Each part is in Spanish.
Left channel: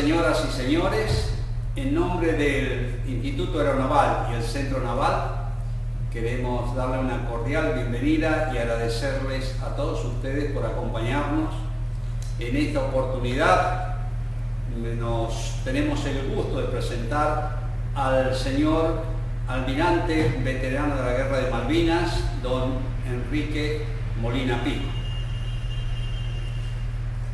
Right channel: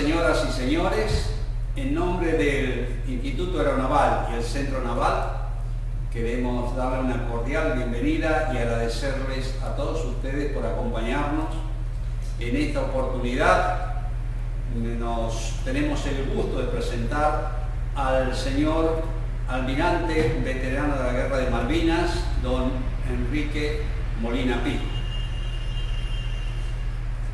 señoras y señores, en nombre del Instituto Aeronaval y el Centro Naval, queremos darle una cordial bienvenida y agradecerles a todos ustedes por acompañarnos en esta oportunidad. Tenemos el gusto de presentar al señor almirante veterano de la Guerra de Malvinas, don Enrique Molina Pico.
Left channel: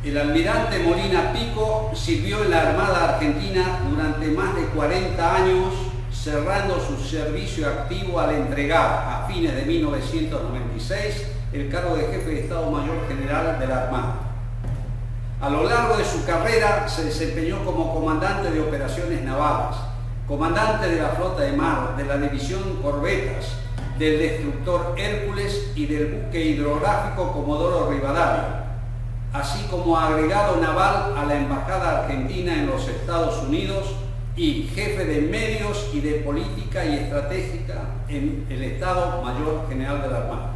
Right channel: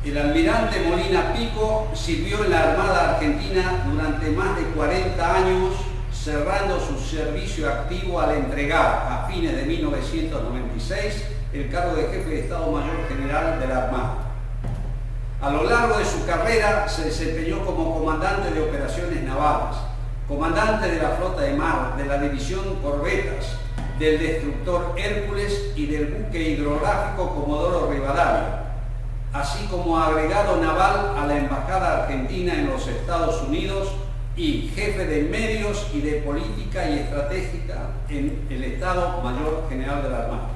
El almirante Molina Pico sirvió en la Armada Argentina durante más de 40 años, cerrando su servicio activo al entregar a fines de 1996 el cargo de jefe de Estado Mayor General de la Armada. A lo largo de su carrera se desempeñó como comandante de operaciones navales, comandante de la flota de mar, de la división Corbetas, del destructor Hércules y del buque hidrográfico Comodoro Rivadavia, así como agregado naval a la Embajada Argentina en los Estados Unidos y jefe de medios y de política y estratégica en el Estado Mayor General de la Armada.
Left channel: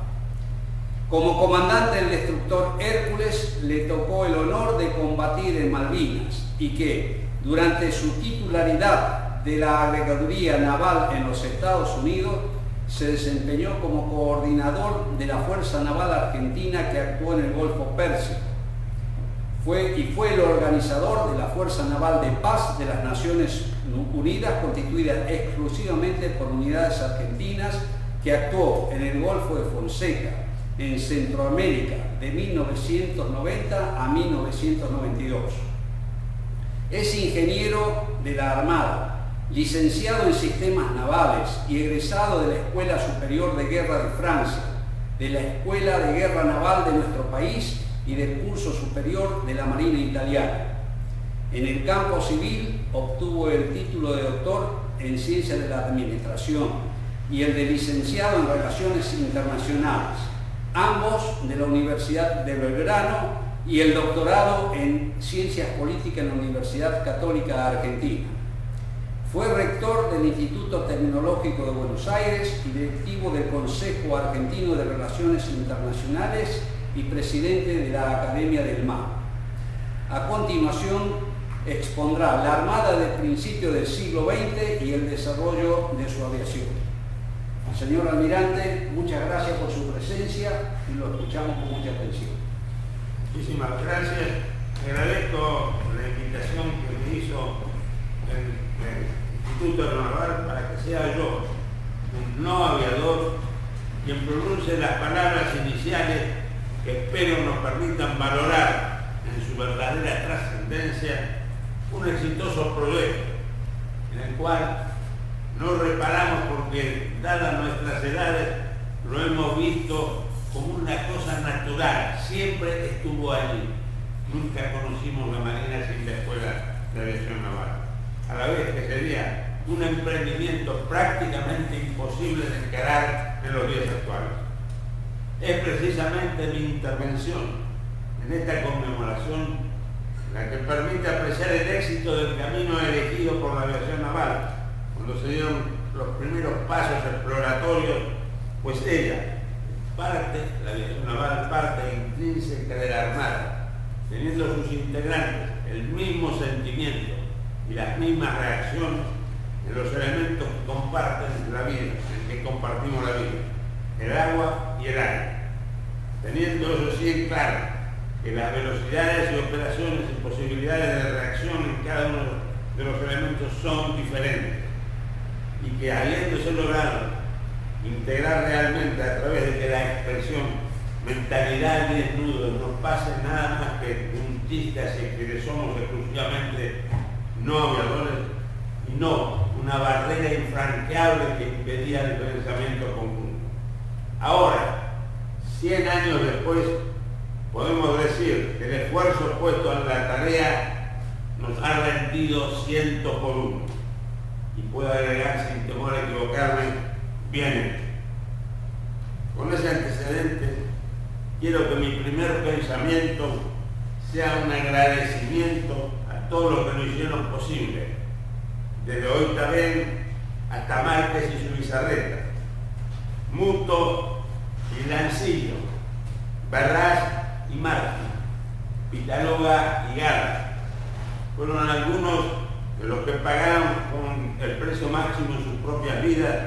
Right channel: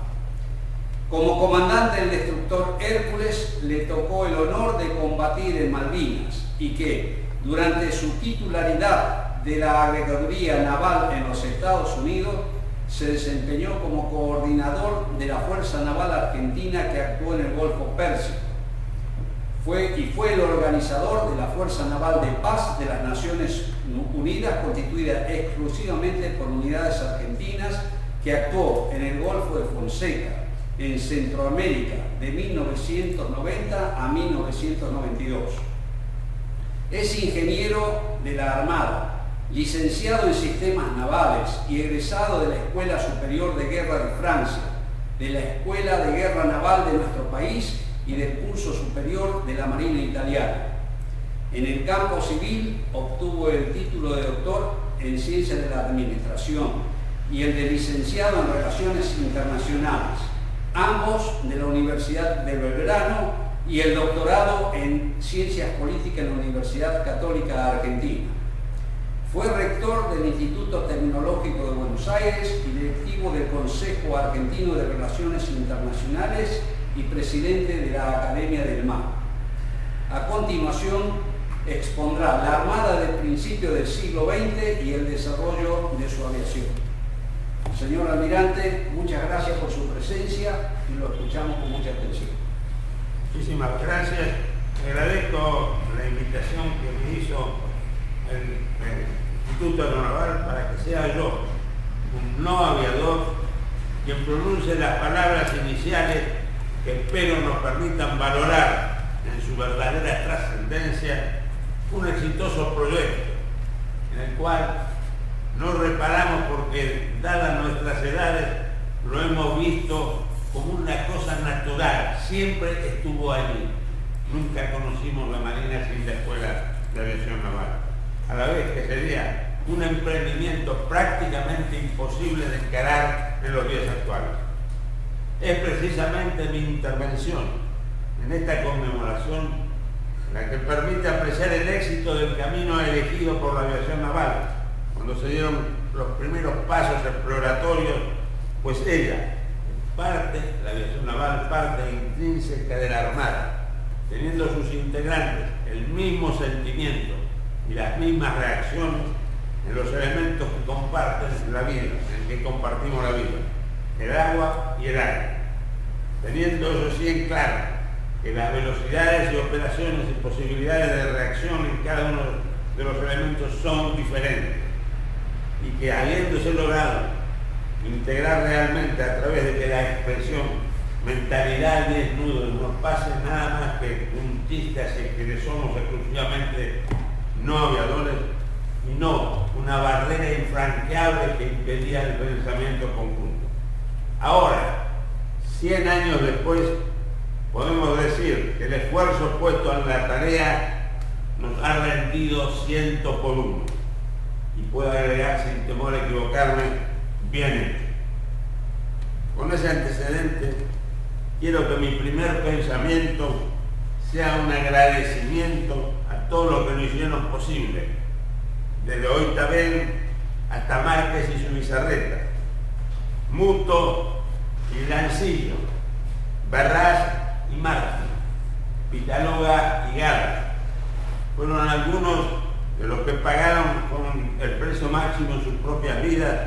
Como comandante del destructor Hércules le tocó el honor de combatir en Malvinas y que, durante su titularidad de la Agregaduría Naval en los Estados Unidos, se desempeñó como coordinador de la Fuerza Naval Argentina que actuó en el Golfo Pérsico. Fue el organizador de la Fuerza Naval de Paz de las Naciones Unidas, constituida exclusivamente por unidades argentinas, que actuó en el Golfo de Fonseca, en Centroamérica, de 1990 a 1992. Es ingeniero de la Armada, licenciado en Sistemas Navales y egresado de la Escuela Superior de Guerra de Francia, de la Escuela de Guerra Naval de nuestro país y del curso superior de la Marina Italiana. En el campo civil obtuvo el título de doctor en Ciencias de la Administración y el de licenciado en Relaciones Internacionales, ambos de la Universidad de Belgrano, y el doctorado en Ciencias Políticas en la Universidad Católica de Argentina. Fue rector del Instituto Tecnológico de Buenos Aires y directivo del Consejo Argentino de Relaciones Internacionales y presidente de la Academia del Mar. A continuación expondrá la Armada del principio del siglo XX y el desarrollo de su aviación. Señor almirante, muchas gracias por su presencia y lo escuchamos con mucha atención. Muchísimas gracias. Agradezco la invitación que me hizo el Instituto Aeronaval para que sea yo, un no aviador, quien pronuncie las palabras iniciales que espero nos permitan valorar en su verdadera trascendencia un exitoso proyecto en el cual no reparamos porque, dadas nuestras edades, lo hemos visto como una cosa natural, siempre estuvo allí. Nunca conocimos la Marina sin la Escuela de Aviación Naval, a la vez que sería un emprendimiento prácticamente imposible de encarar en los días actuales. Es precisamente mi intervención en esta conmemoración la que permite apreciar el éxito del camino elegido por la aviación naval, cuando se dieron los primeros pasos exploratorios, pues ella, la aviación naval, parte intrínseca de la Armada, teniendo sus integrantes el mismo sentimiento y las mismas reacciones en los elementos que comparten la vida, en que compartimos la vida, el agua y el aire, teniendo eso sí en claro, que las velocidades y operaciones y posibilidades de reacción en cada uno de los elementos son diferentes, y que habiéndose logrado integrar realmente a través de que la expresión mentalidad y desnudo no pase nada más que un chiste hacia que somos exclusivamente no aviadores y no una barrera infranqueable que impedía el pensamiento conjunto. Ahora, 100 años después, podemos decir que el esfuerzo puesto en la tarea nos ha rendido 100 por 1. Y puedo agregar, sin temor a equivocarme, bien hecho. Con ese antecedente, quiero que mi primer pensamiento sea un agradecimiento a todos los que lo hicieron posible, desde Oitabén hasta Márquez y su Bizarreta, Muto y Lancillo, Barras y Martín, Pitaloga y Garra, fueron algunos de los que pagaron con el precio máximo en sus propias vidas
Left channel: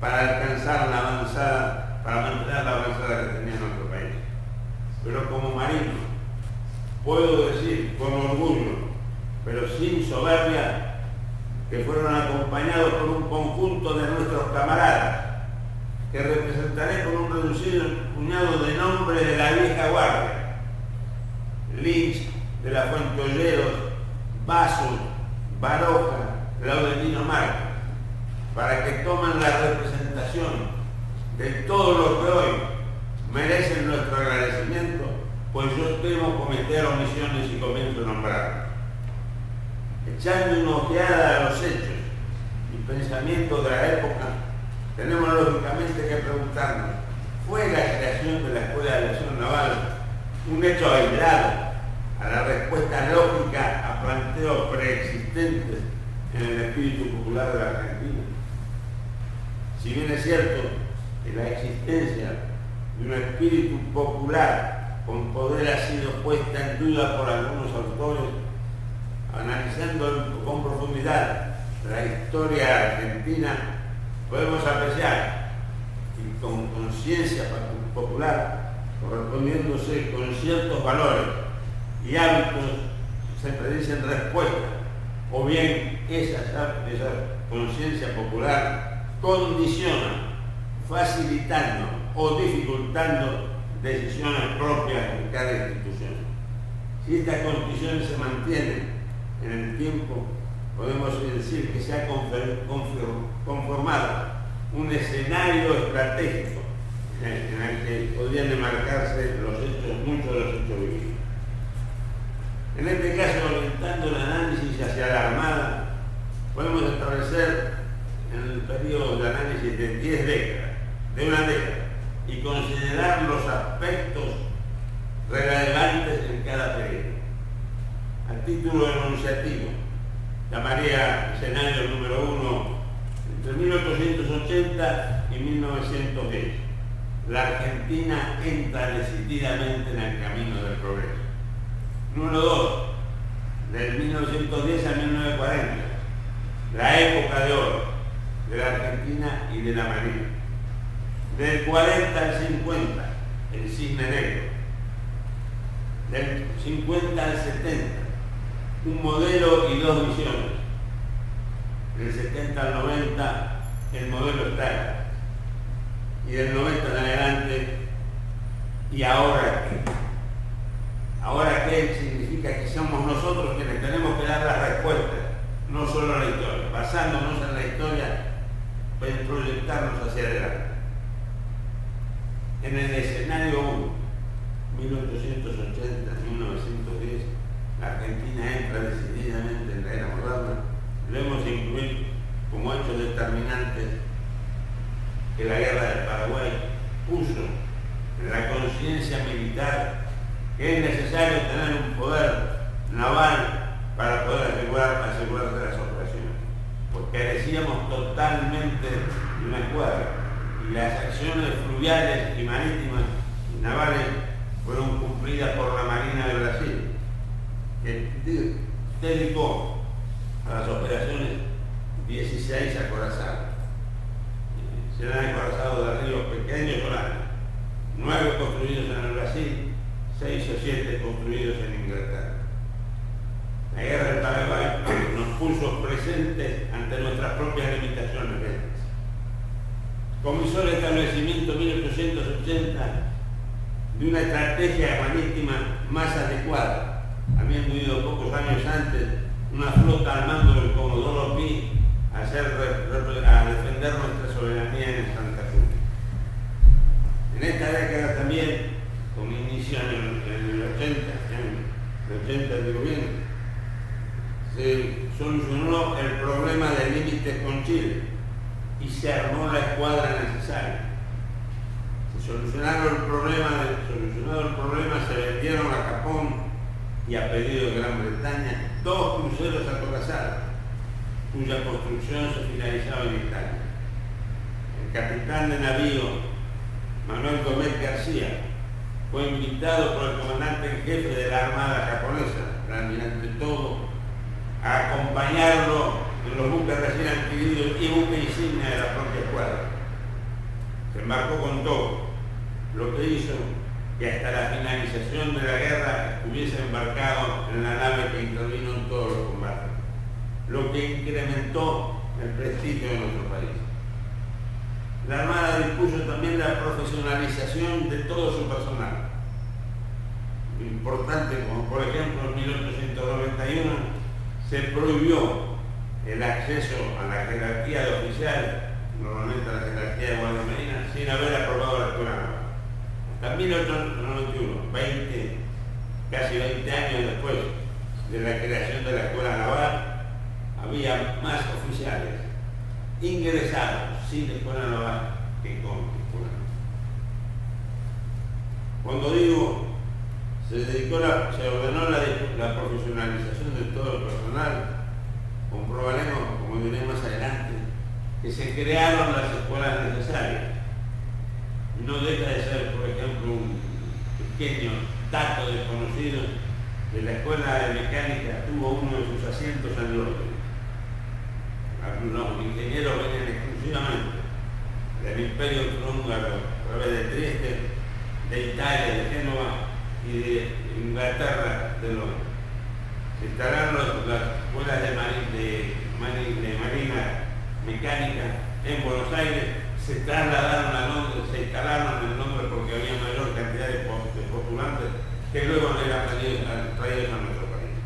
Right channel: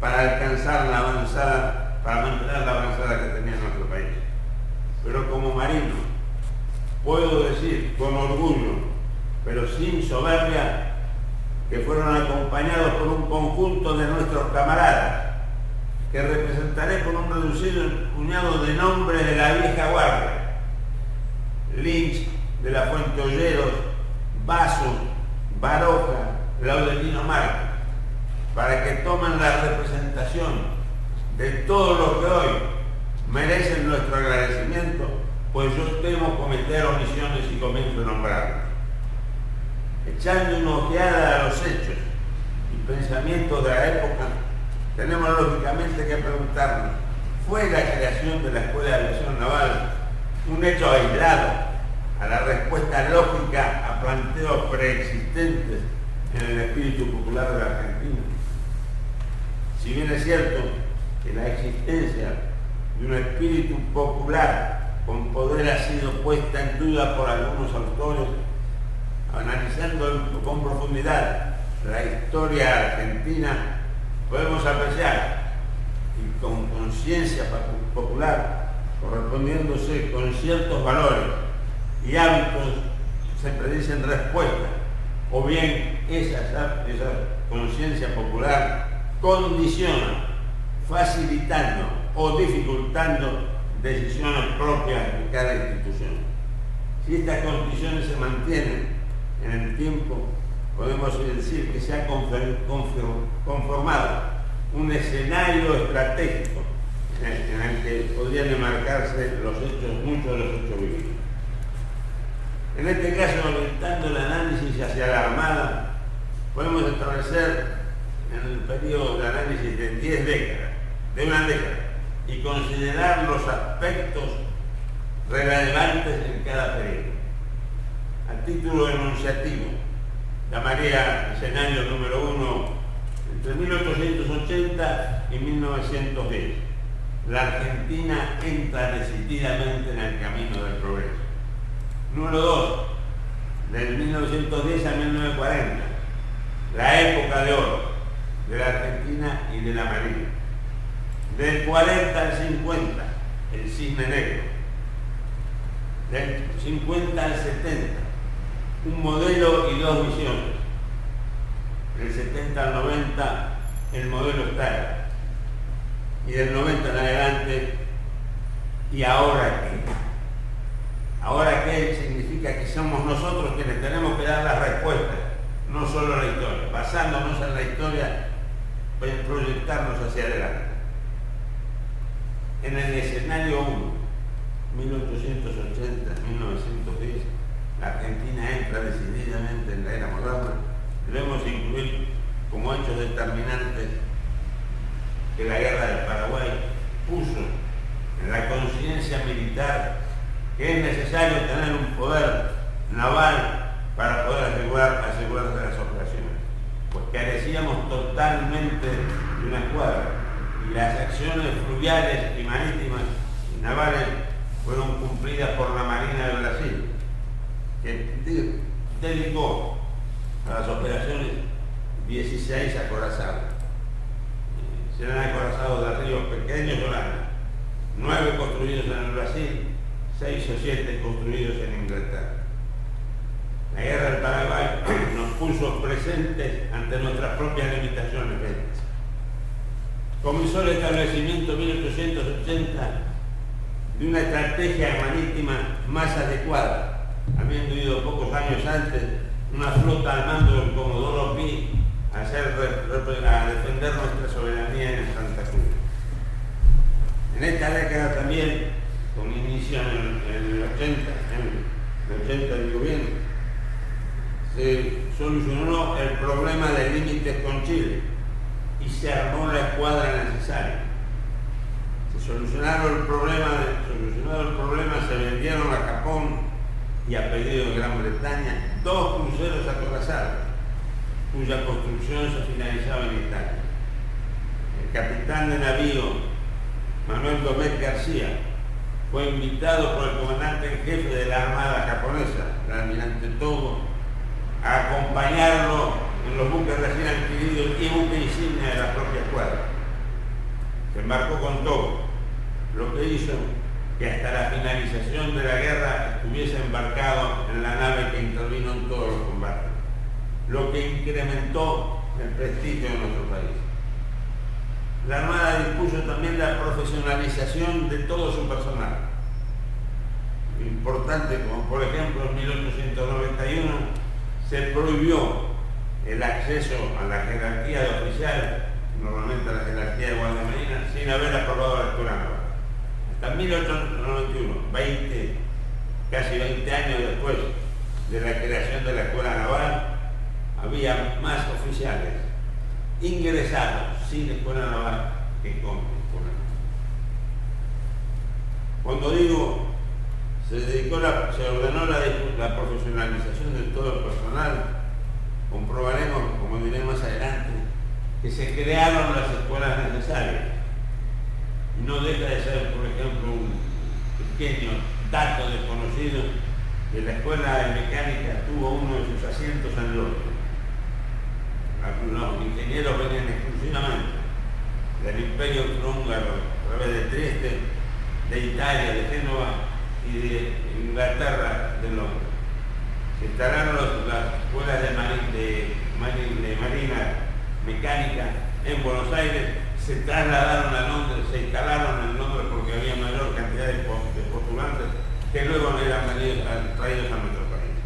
para alcanzar la avanzada, para mantener la avanzada que tenía nuestro país. Pero como marino, puedo decir con orgullo, pero sin soberbia, que fueron acompañados por un conjunto de nuestros camaradas, que representaré con un reducido puñado de nombres de la vieja guardia: Lynch, de la Fuente Olleros, Vasos, Baroja, Laudelino Marcos, para que tomen la representación de todos los que hoy merecen nuestro agradecimiento, pues yo temo cometer omisiones y comienzo a nombrarlos. Echando una ojeada a los hechos y pensamientos de la época, tenemos lógicamente que preguntarnos: ¿fue la creación de la Escuela de Aviación Naval un hecho aislado a la respuesta lógica a planteos preexistentes en el espíritu popular de la Argentina? Si bien es cierto que la existencia de un espíritu popular con poder ha sido puesta en duda por algunos autores, analizando con profundidad la historia argentina, podemos apreciar, y con conciencia popular, correspondiéndose con ciertos valores y hábitos, se predicen respuestas, o bien esa conciencia popular condiciona, facilitando o dificultando decisiones propias de cada institución. Si estas condiciones se mantienen en el tiempo, podemos decir que se ha conformado un escenario estratégico en el que podrían enmarcarse muchos de los hechos vividos. En este caso, orientando el análisis hacia la Armada, podemos establecer en el periodo de análisis de 10 décadas, de una década, y considerar los aspectos relevantes en cada periodo. A título enunciativo, llamaría escenario número 1 entre 1880 y 1910. La Argentina entra decididamente en el camino del progreso. Número 2, del 1910 a 1940, la época de oro de la Argentina y de la Marina. Del 40 al 50, el cisne negro. Del 50 al 70, un modelo y dos visiones. Del 70 al 90, el modelo Stalin. Y del 90 en adelante, ¿y ahora qué? Ahora qué significa que somos nosotros quienes tenemos que dar las respuestas, no solo la historia. Basándonos en la historia, proyectarnos hacia adelante. En el escenario 1, 1880-1910, la Argentina entra decididamente en la era moderna. Debemos incluir como hechos determinantes que la guerra del Paraguay puso en la conciencia militar que es necesario tener un poder naval para poder asegurarse las operaciones, pues carecíamos totalmente de una escuadra, y las acciones fluviales y marítimas y navales fueron cumplidas por la Marina de Brasil, que dedicó a las operaciones 16 acorazados. Serán acorazados de ríos pequeños o grandes, 9 construidos en el Brasil, 6 o 7 construidos en Inglaterra. La guerra del Paraguay nos puso presentes ante nuestras propias limitaciones bélicas. Comenzó el establecimiento en 1880 de una estrategia marítima más adecuada, habiendo ido pocos años antes una flota al mando del Comodoro Pi a defender nuestra soberanía en Santa Cruz. En esta década también, con inicio en el 80 digo bien, se solucionó el problema de límites con Chile y se armó la escuadra necesaria. Solucionado el problema, se vendieron a Japón y a pedido de Gran Bretaña 2 cruceros acorazados, cuya construcción se finalizaba en Italia. El capitán de navío Manuel Gómez García fue invitado por el comandante en jefe de la Armada japonesa, el almirante Todo, a acompañarlo en los buques recién adquiridos y buque insignia de la propia escuadra. Se embarcó con todo, lo que hizo que hasta la finalización de la guerra estuviese embarcado en la nave que intervino en todos los combates, lo que incrementó el prestigio de nuestro país. La Armada dispuso también la profesionalización de todo su personal. Importante, como por ejemplo en 1891 se prohibió el acceso a la jerarquía de oficial, normalmente a la jerarquía de guardia marina, sin haber aprobado la escuela naval. Hasta 1891, casi 20 años después de la creación de la escuela naval, había más oficiales ingresados sin escuela naval que con escuela naval. Cuando digo se ordenó la profesionalización de todo el personal, comprobaremos, como diré más adelante, que se crearon las escuelas necesarias. No deja de ser, por ejemplo, un pequeño dato desconocido, que la escuela de mecánica tuvo uno de sus asientos en Londres. Los ingenieros venían exclusivamente del Imperio Austrohúngaro, a través de Trieste, de Italia, de Génova y de Inglaterra, de Londres. Se instalaron las escuelas de marina mecánica en Buenos Aires, se trasladaron a Londres, se instalaron en Londres porque había mayor cantidad de postulantes que luego eran traídos a nuestro país.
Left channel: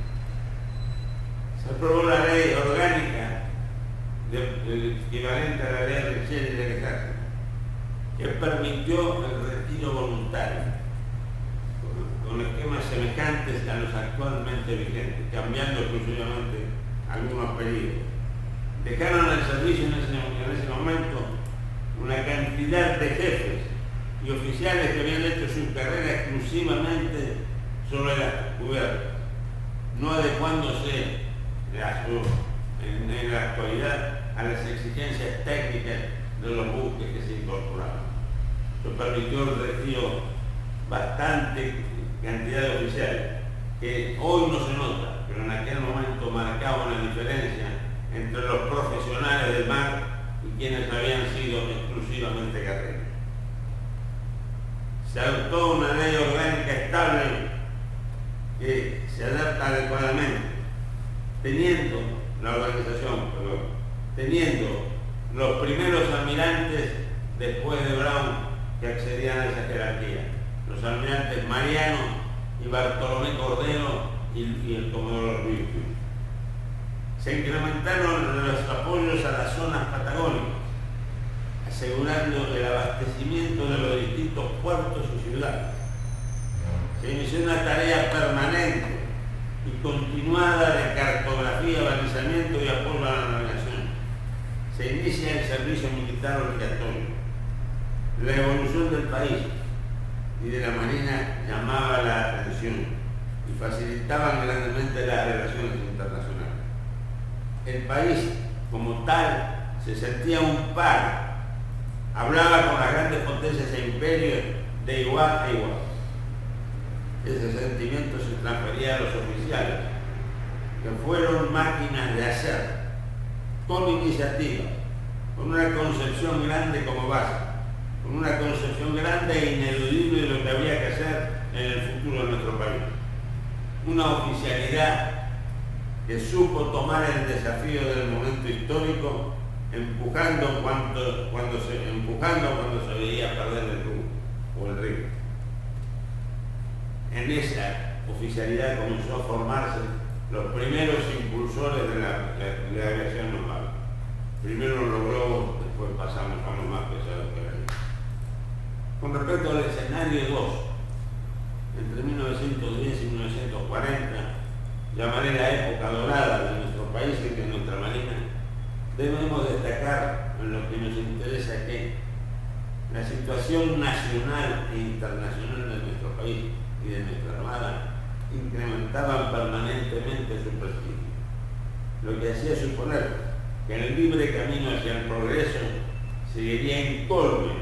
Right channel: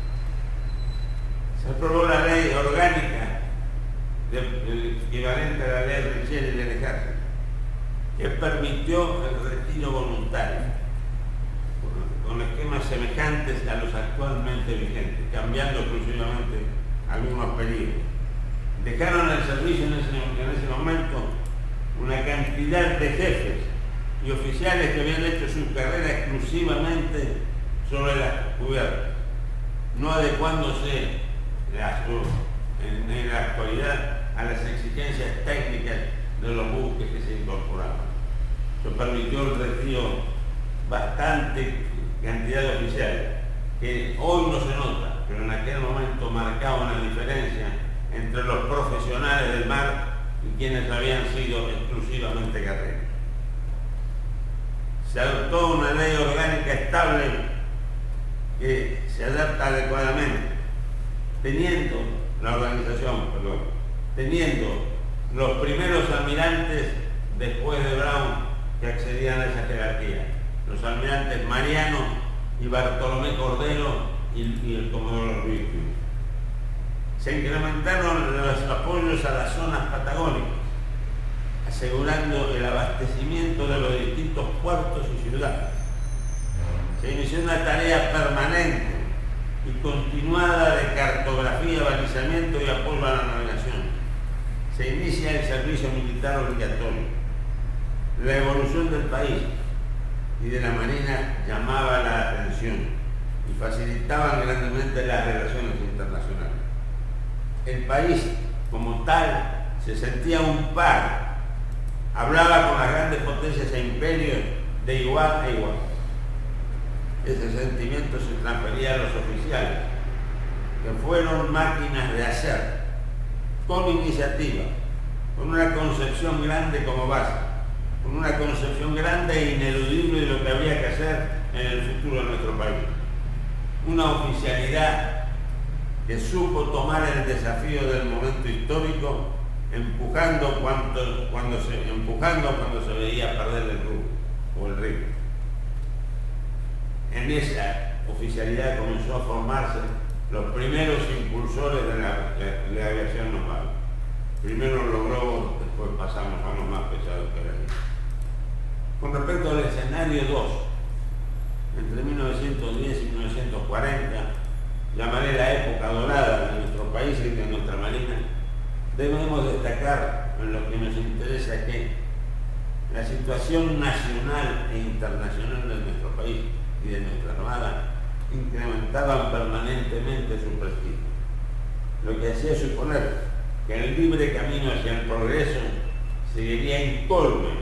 Se aprobó la ley orgánica el equivalente a la ley Richel y del Ejército, que permitió el retiro voluntario, con esquemas semejantes a los actualmente vigentes, cambiando exclusivamente algunos periodos. Dejaron el servicio en ese momento una cantidad de jefes y oficiales que habían hecho su carrera exclusivamente sobre las cubiertas, no adecuándose en la actualidad a las exigencias técnicas de los buques que se incorporaban. Eso permitió el retiro bastante cantidad de oficiales, que hoy no se nota, pero en aquel momento marcaba una diferencia entre los profesionales del mar y quienes habían sido exclusivamente guerreros. Se adoptó una ley orgánica estable que se adapta adecuadamente, teniendo los primeros almirantes después de Brown que accedían a esa jerarquía, los almirantes Mariano y Bartolomé Cordero y el comodoro Ruiz. Se incrementaron los apoyos a las zonas patagónicas, asegurando el abastecimiento de los distintos puertos y ciudades. Se inició una tarea permanente y continuada de cartografía, balizamiento y apoyo a la navegación. Se inicia el servicio militar obligatorio. La evolución del país y de la Marina llamaba la atención y facilitaban grandemente las relaciones internacionales. El país, como tal, se sentía un par, hablaba con las grandes potencias e imperios de igual a igual. Ese sentimiento se transfería a los oficiales, que fueron máquinas de hacer, con iniciativa, con una concepción grande como base, con una concepción grande e ineludible de lo que había que hacer en el futuro de nuestro país. Una oficialidad que supo tomar el desafío del momento histórico, empujando cuando se veía perder el rumbo o el ritmo. En esa oficialidad comenzó a formarse los primeros impulsores de la aviación naval. Primero los globos, después pasamos a unos más pesados que la ley. Con respecto al escenario 2, entre 1910 y 1940, llamaré la época dorada de nuestro país y de nuestra marina, debemos destacar en lo que nos interesa que la situación nacional e internacional de nuestro país y de nuestra Armada incrementaban permanentemente su prestigio, lo que hacía suponer que el libre camino hacia el progreso seguiría incólume,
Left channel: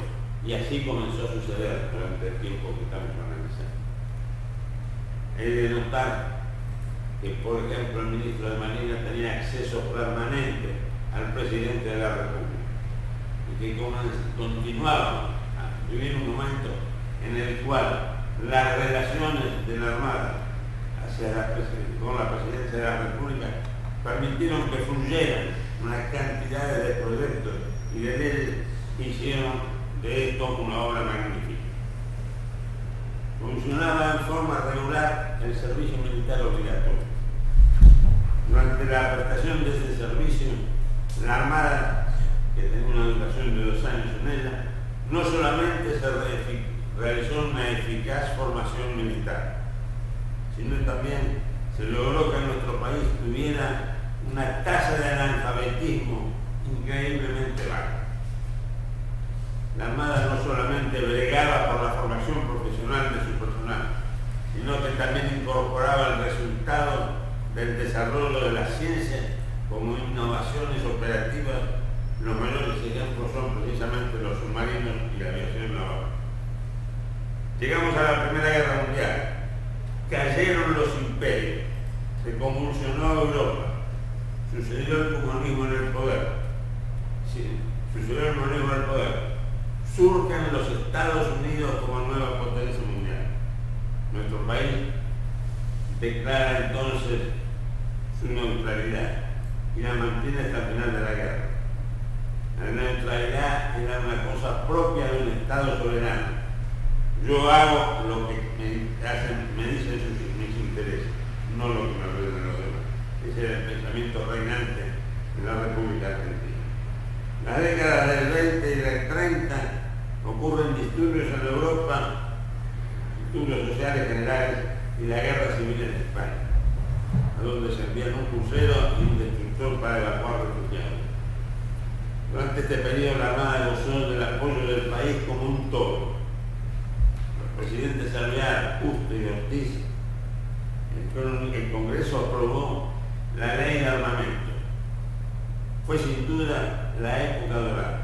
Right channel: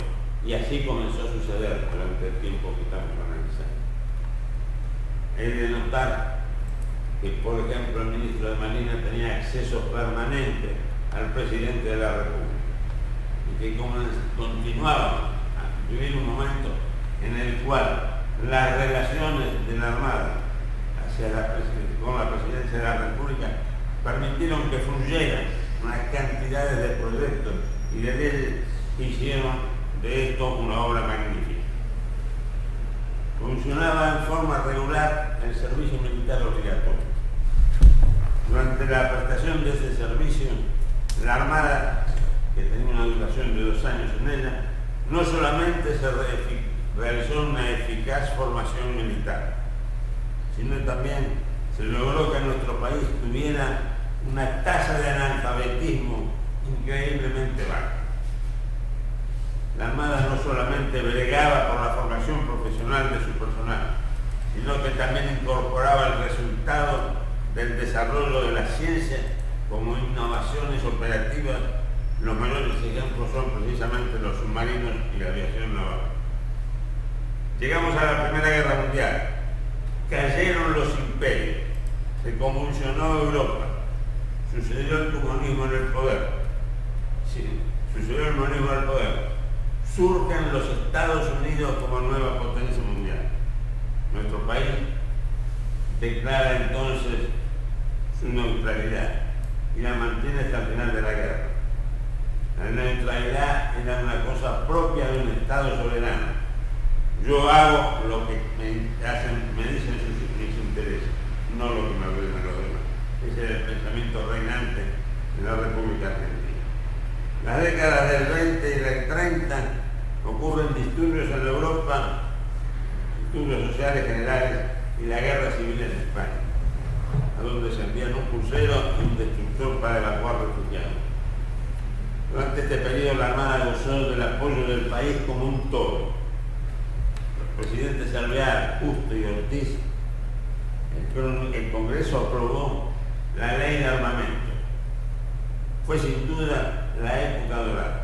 y así comenzó a suceder durante el tiempo que estamos analizando. He de notar que, por ejemplo, el ministro de Marina tenía acceso permanente al presidente de la República y que continuábamos a vivir un momento en el cual las relaciones de la Armada con la presidencia de la República permitieron que fluyeran unas cantidades de proyectos y de leyes que hicieron de esto una obra magnífica. Funcionaba en forma regular el servicio militar obligatorio. Durante la prestación de ese servicio, la Armada, que tenía una duración de 2 años en ella, no solamente se realizó una eficaz formación militar, sino también se logró que nuestro país tuviera una tasa de analfabetismo increíblemente baja. La Armada no solamente bregaba por la formación profesional de su personal, sino que también incorporaba el resultado del desarrollo de la ciencia como innovaciones operativas. Los mayores ejemplos son precisamente los submarinos y la aviación naval. Llegamos a la Primera Guerra Mundial, cayeron los imperios, se convulsionó Europa, sucedió el comunismo en el poder, surgen los Estados Unidos como nueva potencia mundial. Nuestro país declara entonces su neutralidad y la mantiene hasta el final de la guerra. La neutralidad era una cosa propia de un Estado soberano. Yo hago lo que me dicen mis intereses, no lo que me ordenan los demás. Ese era el pensamiento reinante en la República Argentina. Las décadas del 20 y del 30 ocurren disturbios en Europa, disturbios sociales generales y la guerra civil en España, a donde se envían un crucero y un destructor para evacuar refugiados. Durante este periodo la Armada gozó del apoyo del país como un todo. Los presidentes Alvear, Justo y Ortiz, el Congreso aprobó la ley de armamento. Fue sin duda la época dorada.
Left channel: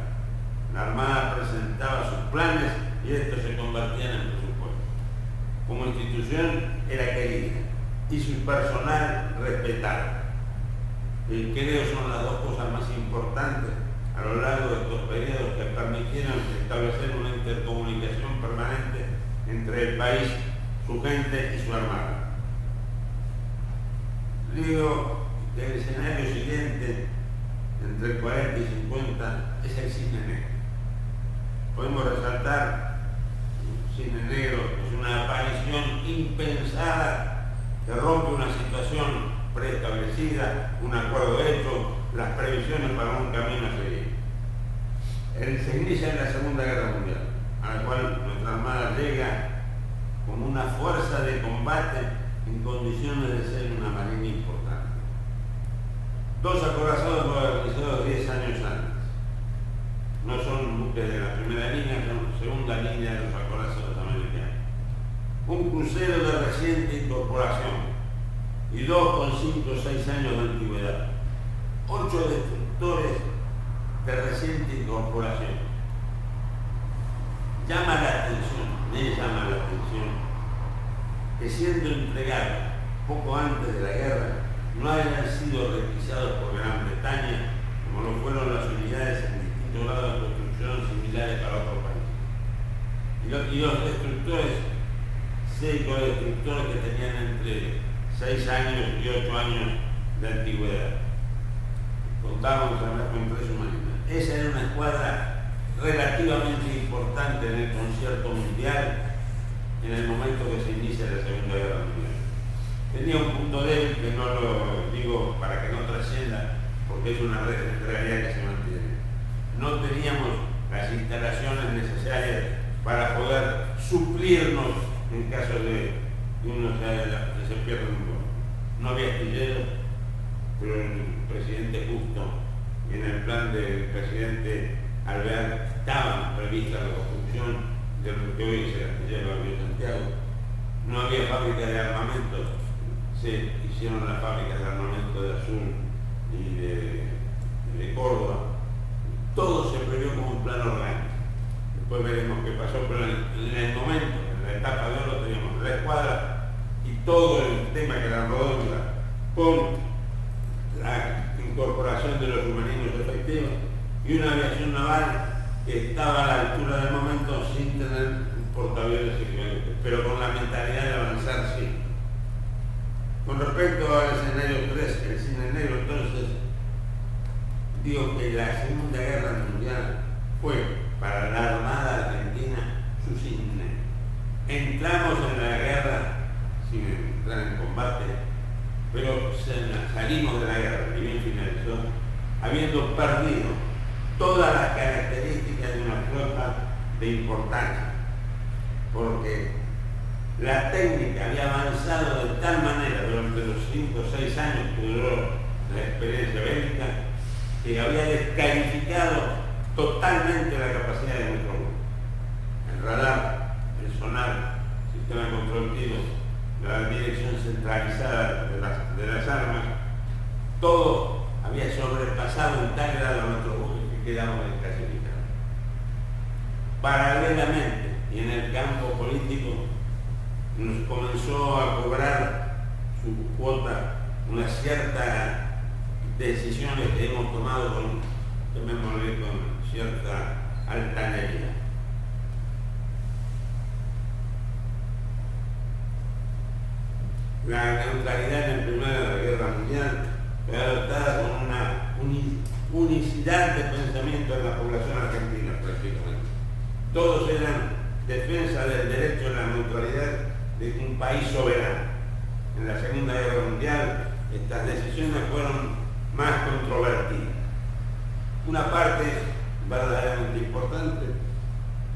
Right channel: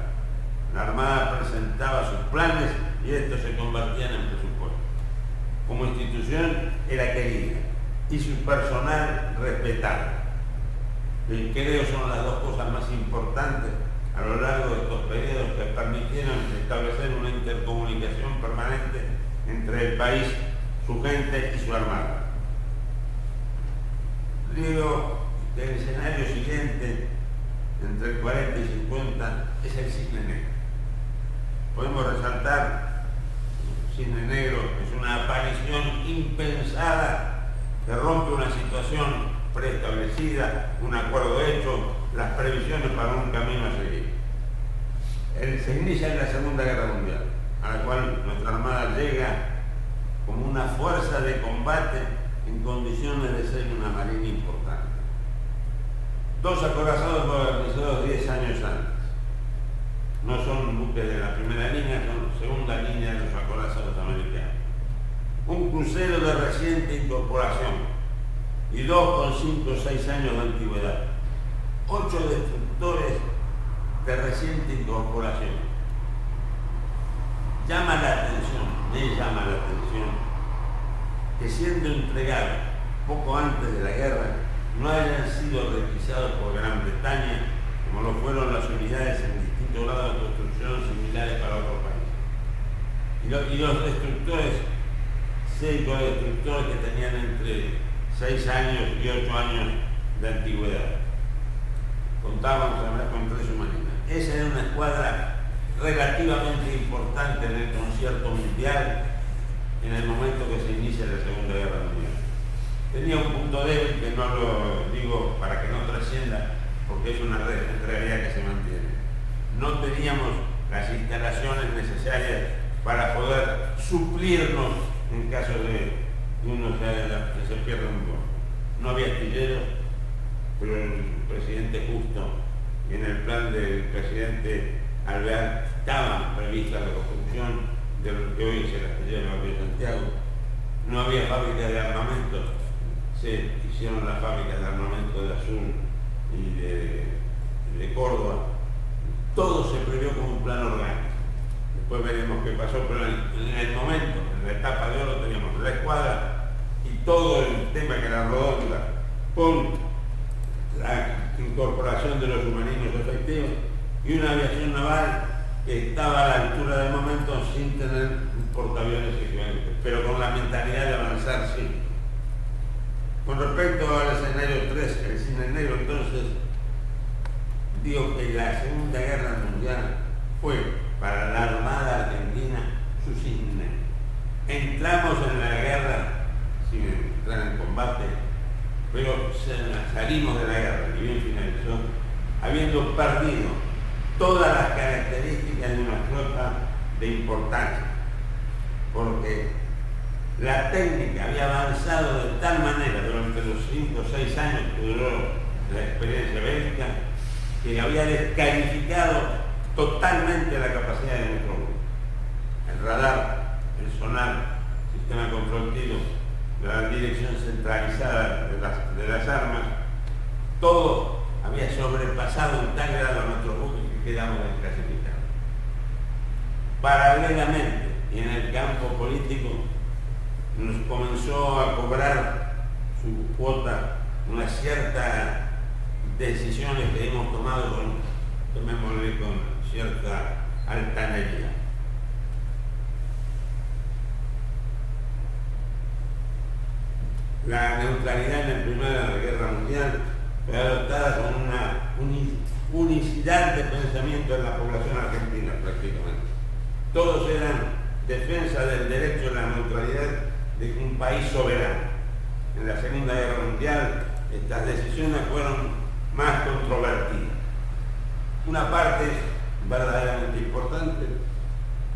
La Armada presentaba sus planes y estos se convertían en presupuesto. Como institución era querida y su personal respetado. Y creo son las dos cosas más importantes a lo largo de estos periodos que permitieron establecer una intercomunicación permanente entre el país, su gente y su Armada. Digo que el escenario siguiente, entre el 40 y 50, es el cisne negro. Podemos resaltar el cisne negro, que es una aparición impensada que rompe una situación preestablecida, un acuerdo hecho, las previsiones para un camino a seguir. Se inicia en la Segunda Guerra Mundial, a la cual nuestra Armada llega como una fuerza de combate en condiciones de ser una marina importante. 2 acorazados modernizados 10 años antes. No son buques de la primera línea, son segunda línea de los acorazados americanos. Un crucero de reciente incorporación y 2 con 5 o 6 años de antigüedad. 8 destructores de reciente incorporación. Me llama la atención, que siendo entregados poco antes de la guerra, no hayan sido requisados por Gran Bretaña, como lo fueron las unidades en distintos grados de construcción similares para otros países. Y los destructores, 6 destructores que tenían entre 6 años y 8 años de antigüedad. Contábamos además con 3 submarinos. Esa era una escuadra relativamente importante en el concierto mundial en el momento que se inicia la Segunda Guerra Mundial. Tenía un punto débil que no lo digo para que no trascienda, porque es una realidad que se mantiene. No teníamos las instalaciones necesarias para poder suplirnos en caso de que uno que se pierda un vuelo. No había astilleros, pero el presidente Justo y en el plan del presidente Alvear estaban previstas la construcción de lo que hoy es el astillero de Santiago. No había fábrica de armamento, se hicieron las fábricas de armamento de Azul y de Córdoba. Todo se previó como un plan orgánico. Después veremos qué pasó, pero en el momento, en la etapa de oro, teníamos la escuadra y todo el tema que la rodó con la incorporación de los submarinos efectivos y una aviación naval que estaba a la altura del momento sin tener portaaviones equivalentes, pero con la mentalidad de avanzar siempre. Con respecto al escenario 3, el cine negro, entonces, digo que la Segunda Guerra Mundial fue para la Armada Argentina su cine negro. Entramos en la guerra sin entrar en combate, pero salimos de la guerra, y bien finalizó, habiendo perdido todas las características de una flota de importancia, porque la técnica había avanzado de tal manera durante los 5 o 6 años que duró la experiencia bélica, que había descalificado totalmente la capacidad de nuestro grupo. El radar, el sonar, el sistema de control tiro, la dirección centralizada de las armas, todo había sobrepasado en tal grado a nuestro buque que quedamos desclasificados. Paralelamente, y en el campo político, nos comenzó a cobrar su cuota una cierta decisiones que hemos tomado con cierta altanería. La neutralidad en el Primera Guerra Mundial fue adoptada con una unicidad de pensamiento en la población argentina prácticamente. Todos eran defensa del derecho a la neutralidad de un país soberano. En la Segunda Guerra Mundial estas decisiones fueron más controvertidas. Una parte verdaderamente importante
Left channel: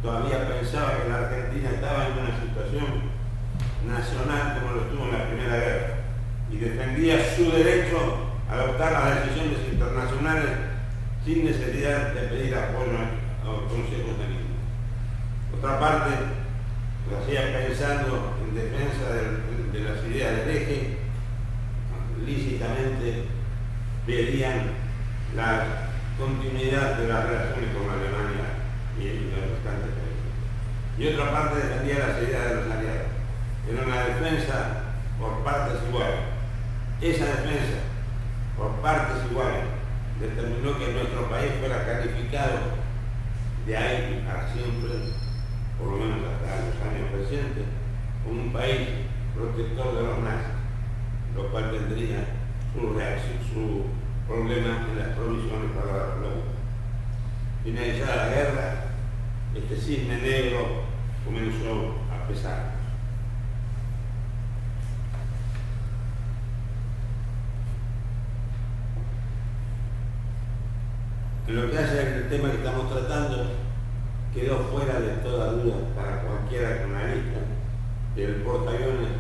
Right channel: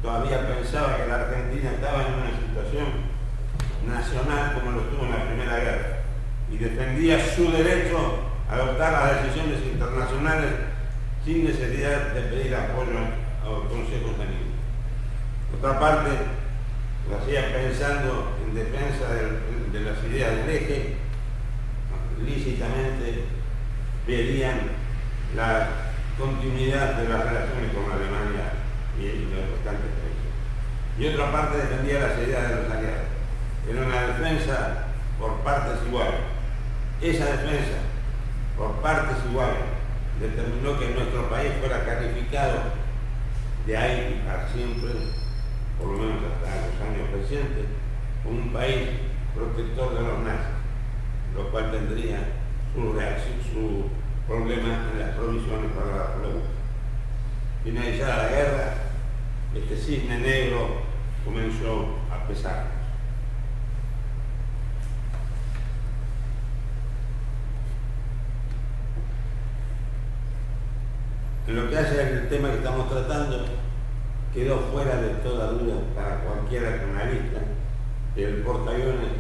todavía pensaba que la Argentina estaba en una situación nacional como lo estuvo en la Primera Guerra y defendía su derecho a adoptar las decisiones internacionales sin necesidad de pedir apoyo a los consejos de ningún. Otra parte lo hacía pensando en defensa de las ideas del eje, lícitamente verían la continuidad de las relaciones con Alemania y los restantes países. Y otra parte defendía las ideas de los aliados. Era una defensa por partes iguales. Esa defensa por partes iguales determinó que nuestro país fuera calificado de ahí y para siempre, por lo menos hasta los años recientes, como un país protector de los nazis, lo cual tendría su problema en las provisiones para la flota. Finalizada la guerra, este cisne negro comenzó a pesar. En lo que hace al tema que estamos tratando, quedó fuera de toda duda para cualquier analista que el portaaviones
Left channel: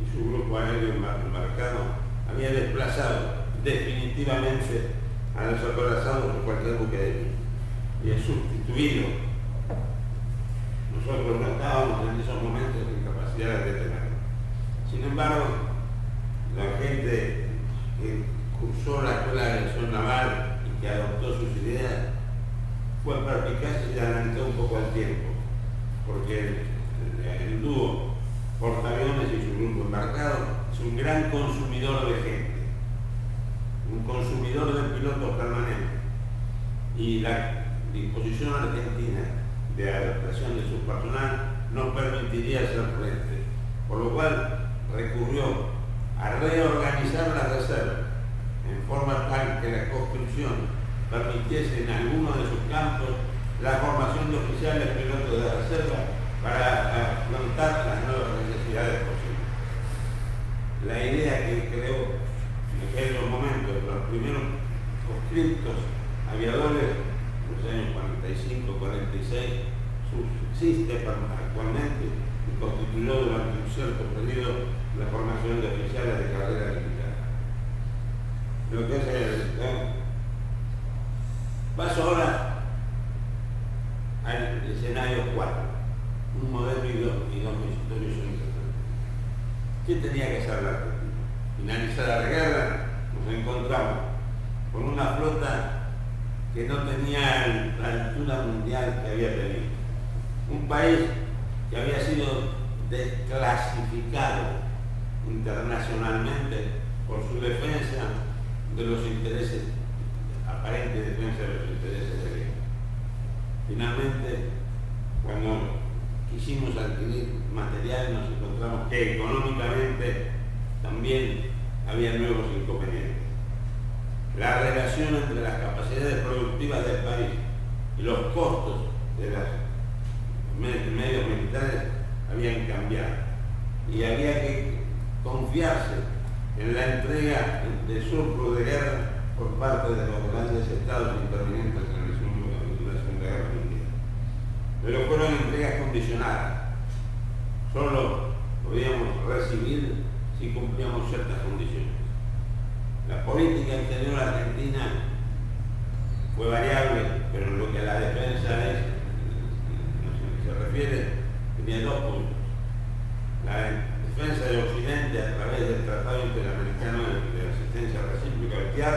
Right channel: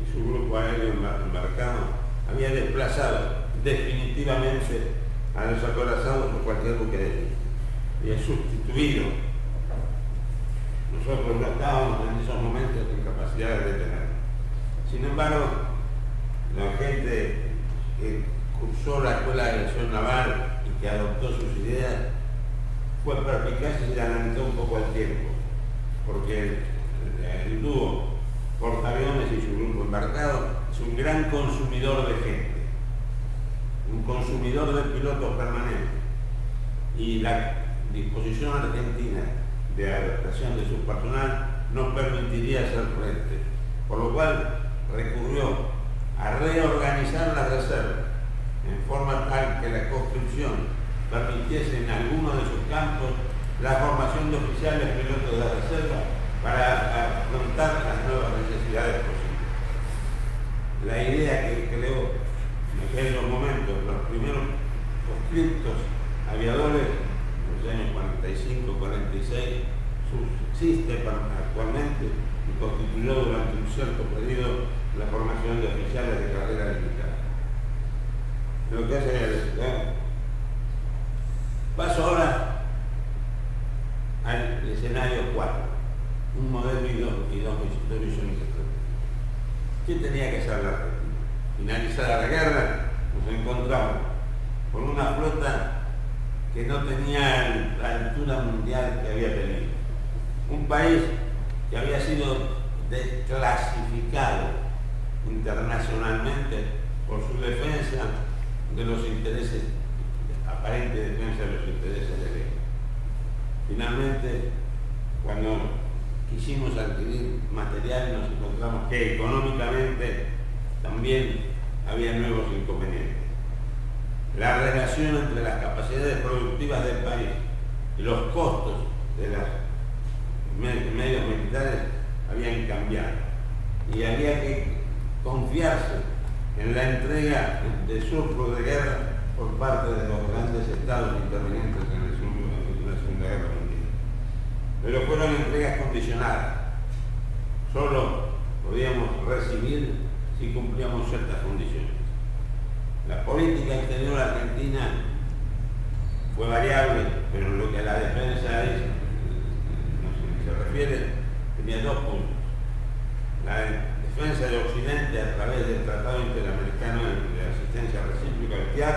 y su grupo aéreo embarcado había desplazado definitivamente a los acorazados por cualquier buque de guerra. Había sustituido. Nosotros no estábamos en esos momentos en capacidad de detenerlo. Sin embargo, la gente que cursó la Escuela de Aviación Naval y que adoptó sus ideas fue perspicaz y se adelantó un poco al tiempo, porque el dúo portaaviones y su grupo embarcado es un gran consumidor de gente, un consumidor de pilotos permanente, y la disposición argentina de adaptación de su personal no permitiría hacer frente, por lo cual recurrió a reorganizar las reservas en forma tal que la construcción permitiese en algunos de sus campos la formación de oficiales pilotos de reserva para afrontar las nuevas necesidades posibles. La idea que creó en aquellos momentos los primeros conscriptos aviadores en los años 45-46 subsiste actualmente y constituyó durante un cierto periodo la formación de oficiales de carrera militar. Lo que hace paso ahora al escenario 4, un modelo y dos misiones. ¿Qué tenía que hacer la Argentina? Finalizada la guerra, nos encontramos con una flota que no tenía la altura mundial que había tenido. Un país que había sido desclasificado internacionalmente por su defensa de los intereses, aparente defensa de los intereses del eje. Finalmente, cuando quisimos adquirir material, nos encontramos que económicamente también había nuevos inconvenientes. La relación entre las capacidades productivas del país y los costos de los medios militares habían cambiado y había que confiarse en la entrega de surplus de guerra por parte de los grandes estados intervinientes en la Segunda Guerra Mundial. Pero fueron entregas condicionadas. Solo podíamos recibir si cumplíamos ciertas condiciones. La política exterior argentina fue variable, pero en lo que a la defensa se refiere, tenía dos puntos. La defensa de Occidente a través del Tratado Interamericano de Asistencia Recíproca, el TIAR,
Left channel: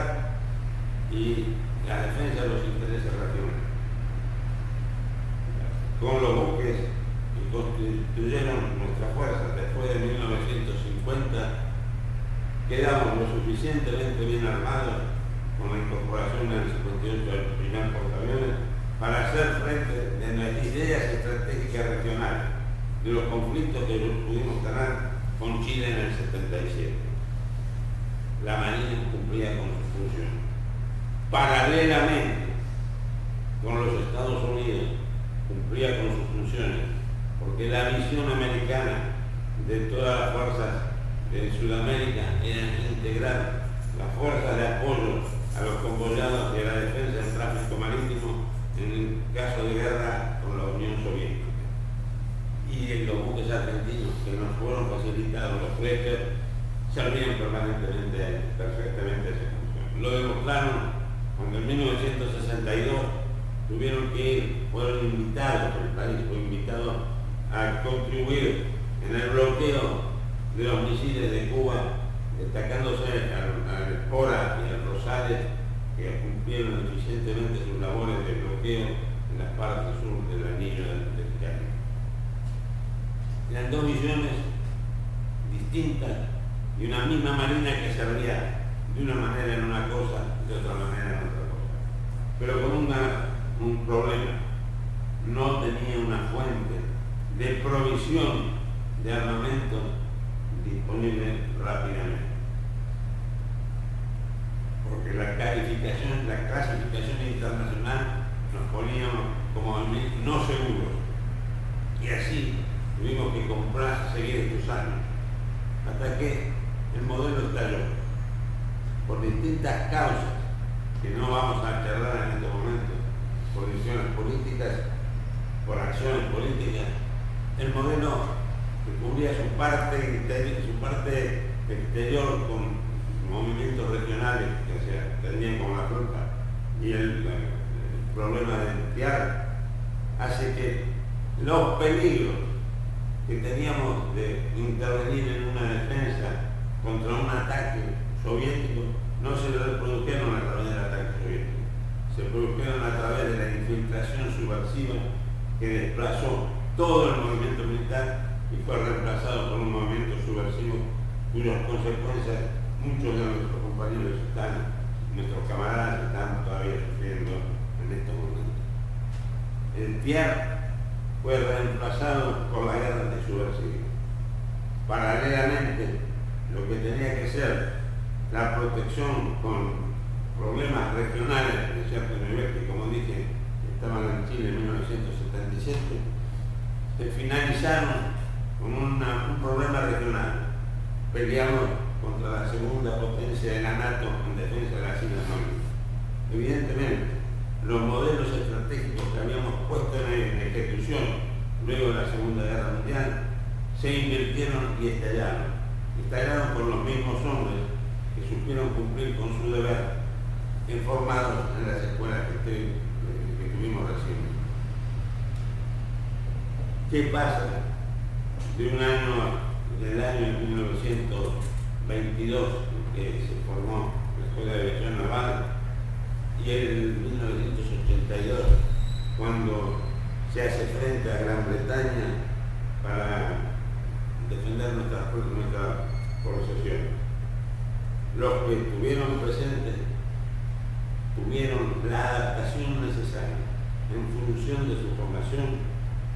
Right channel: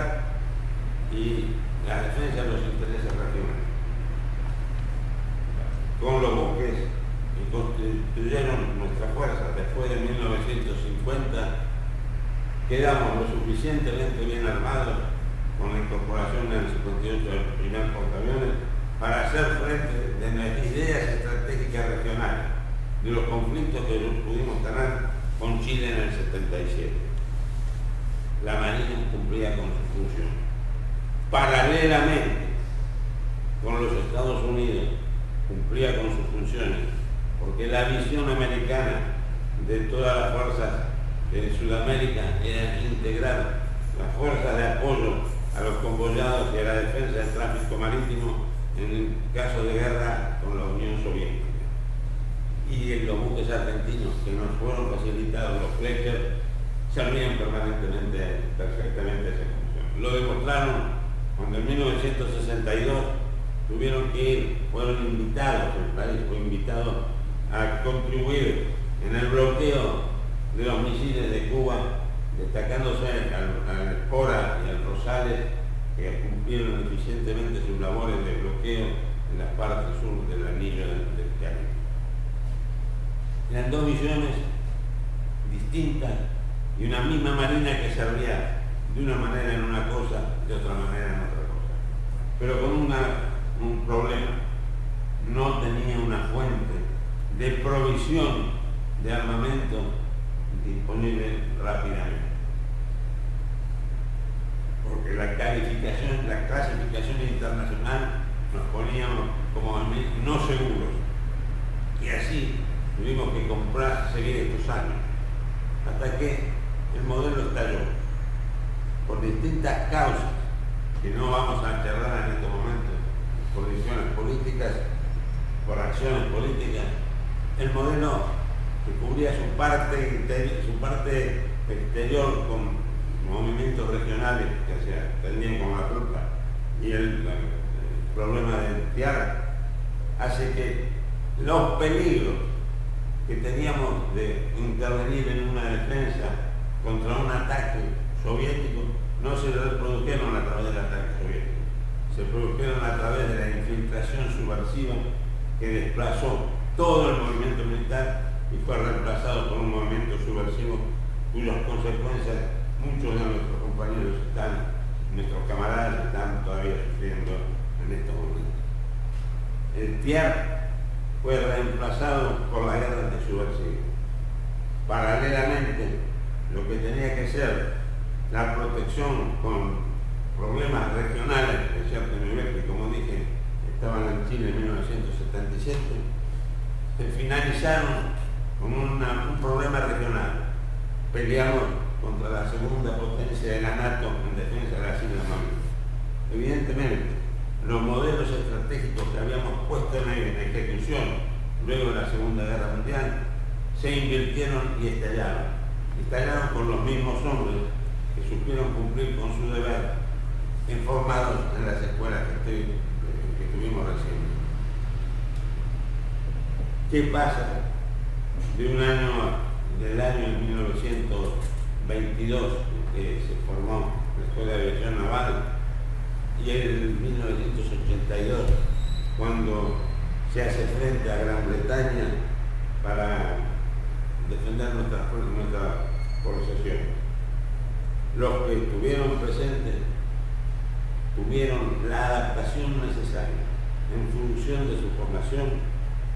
y la defensa de los intereses regionales. Con los buques que constituyeron nuestras fuerzas después de 1950, quedamos lo suficientemente bien armados con la incorporación en el 58 del primer portaaviones para hacer frente de nuestras ideas estratégicas regionales, de los conflictos que pudimos tener con Chile en el 77. La Marina cumplía con su función. Paralelamente con los Estados Unidos cumplía con sus funciones, porque la visión americana de todas las fuerzas de Sudamérica era integrar las fuerzas de apoyo a los convoyados y a la defensa del tráfico marítimo en el caso de guerra con la Unión Soviética. Y los buques argentinos que nos fueron facilitados, los Fletcher, servían perfectamente a esa función. Lo demostraron cuando en 1962 tuvieron que ir, fueron invitados, el país fue invitado a contribuir en el bloqueo de los misiles de Cuba, destacándose al Espora y al Rosales, que cumplieron eficientemente sus labores de bloqueo en la parte sur del anillo del Caribe. Eran dos misiones distintas y una misma marina que servía de una manera en una cosa, de otra manera en otra cosa. Pero con un problema: no tenía una fuente de provisión de armamento disponible rápidamente, porque la clasificación internacional nos poníamos como no seguros, y así tuvimos que seguir estos años, hasta que el modelo estalló por distintas causas que no vamos a charlar en estos momentos, por decisiones políticas, por acciones políticas. El modelo que cubría su parte exterior con movimientos regionales que se atendían con la tropa y el problema del TIAR, hace que los peligros que teníamos de intervenir en una defensa contra un ataque soviético no se reprodujeron a través del ataque soviético, se produjeron a través de la infiltración subversiva que desplazó todo el movimiento militar y fue reemplazado por un movimiento subversivo cuyas consecuencias muchos de nuestros compañeros nuestros camaradas están todavía sufriendo en estos momentos. El TIAR fue reemplazado por la guerra de subversiva. Paralelamente, lo que tenía que ser la protección con problemas regionales de cierto nivel, que como dije, estaban en Chile en 1977, se finalizaron con un problema regional. Peleamos contra la segunda potencia de la NATO en defensa de las Islas Malvinas. Evidentemente, los modelos estratégicos que habíamos puesto en ejecución luego de la Segunda Guerra Mundial se invirtieron y estallaron. Estallaron por los mismos hombres que supieron cumplir con su deber, informados en las escuelas que tuvimos recién. ¿Qué pasa del año 1922, que se formó la Escuela de Aviación Naval, y en 1982, cuando se hace frente a Gran Bretaña para defender nuestra posesión? los que estuvieron presentes tuvieron la adaptación necesaria en función de su formación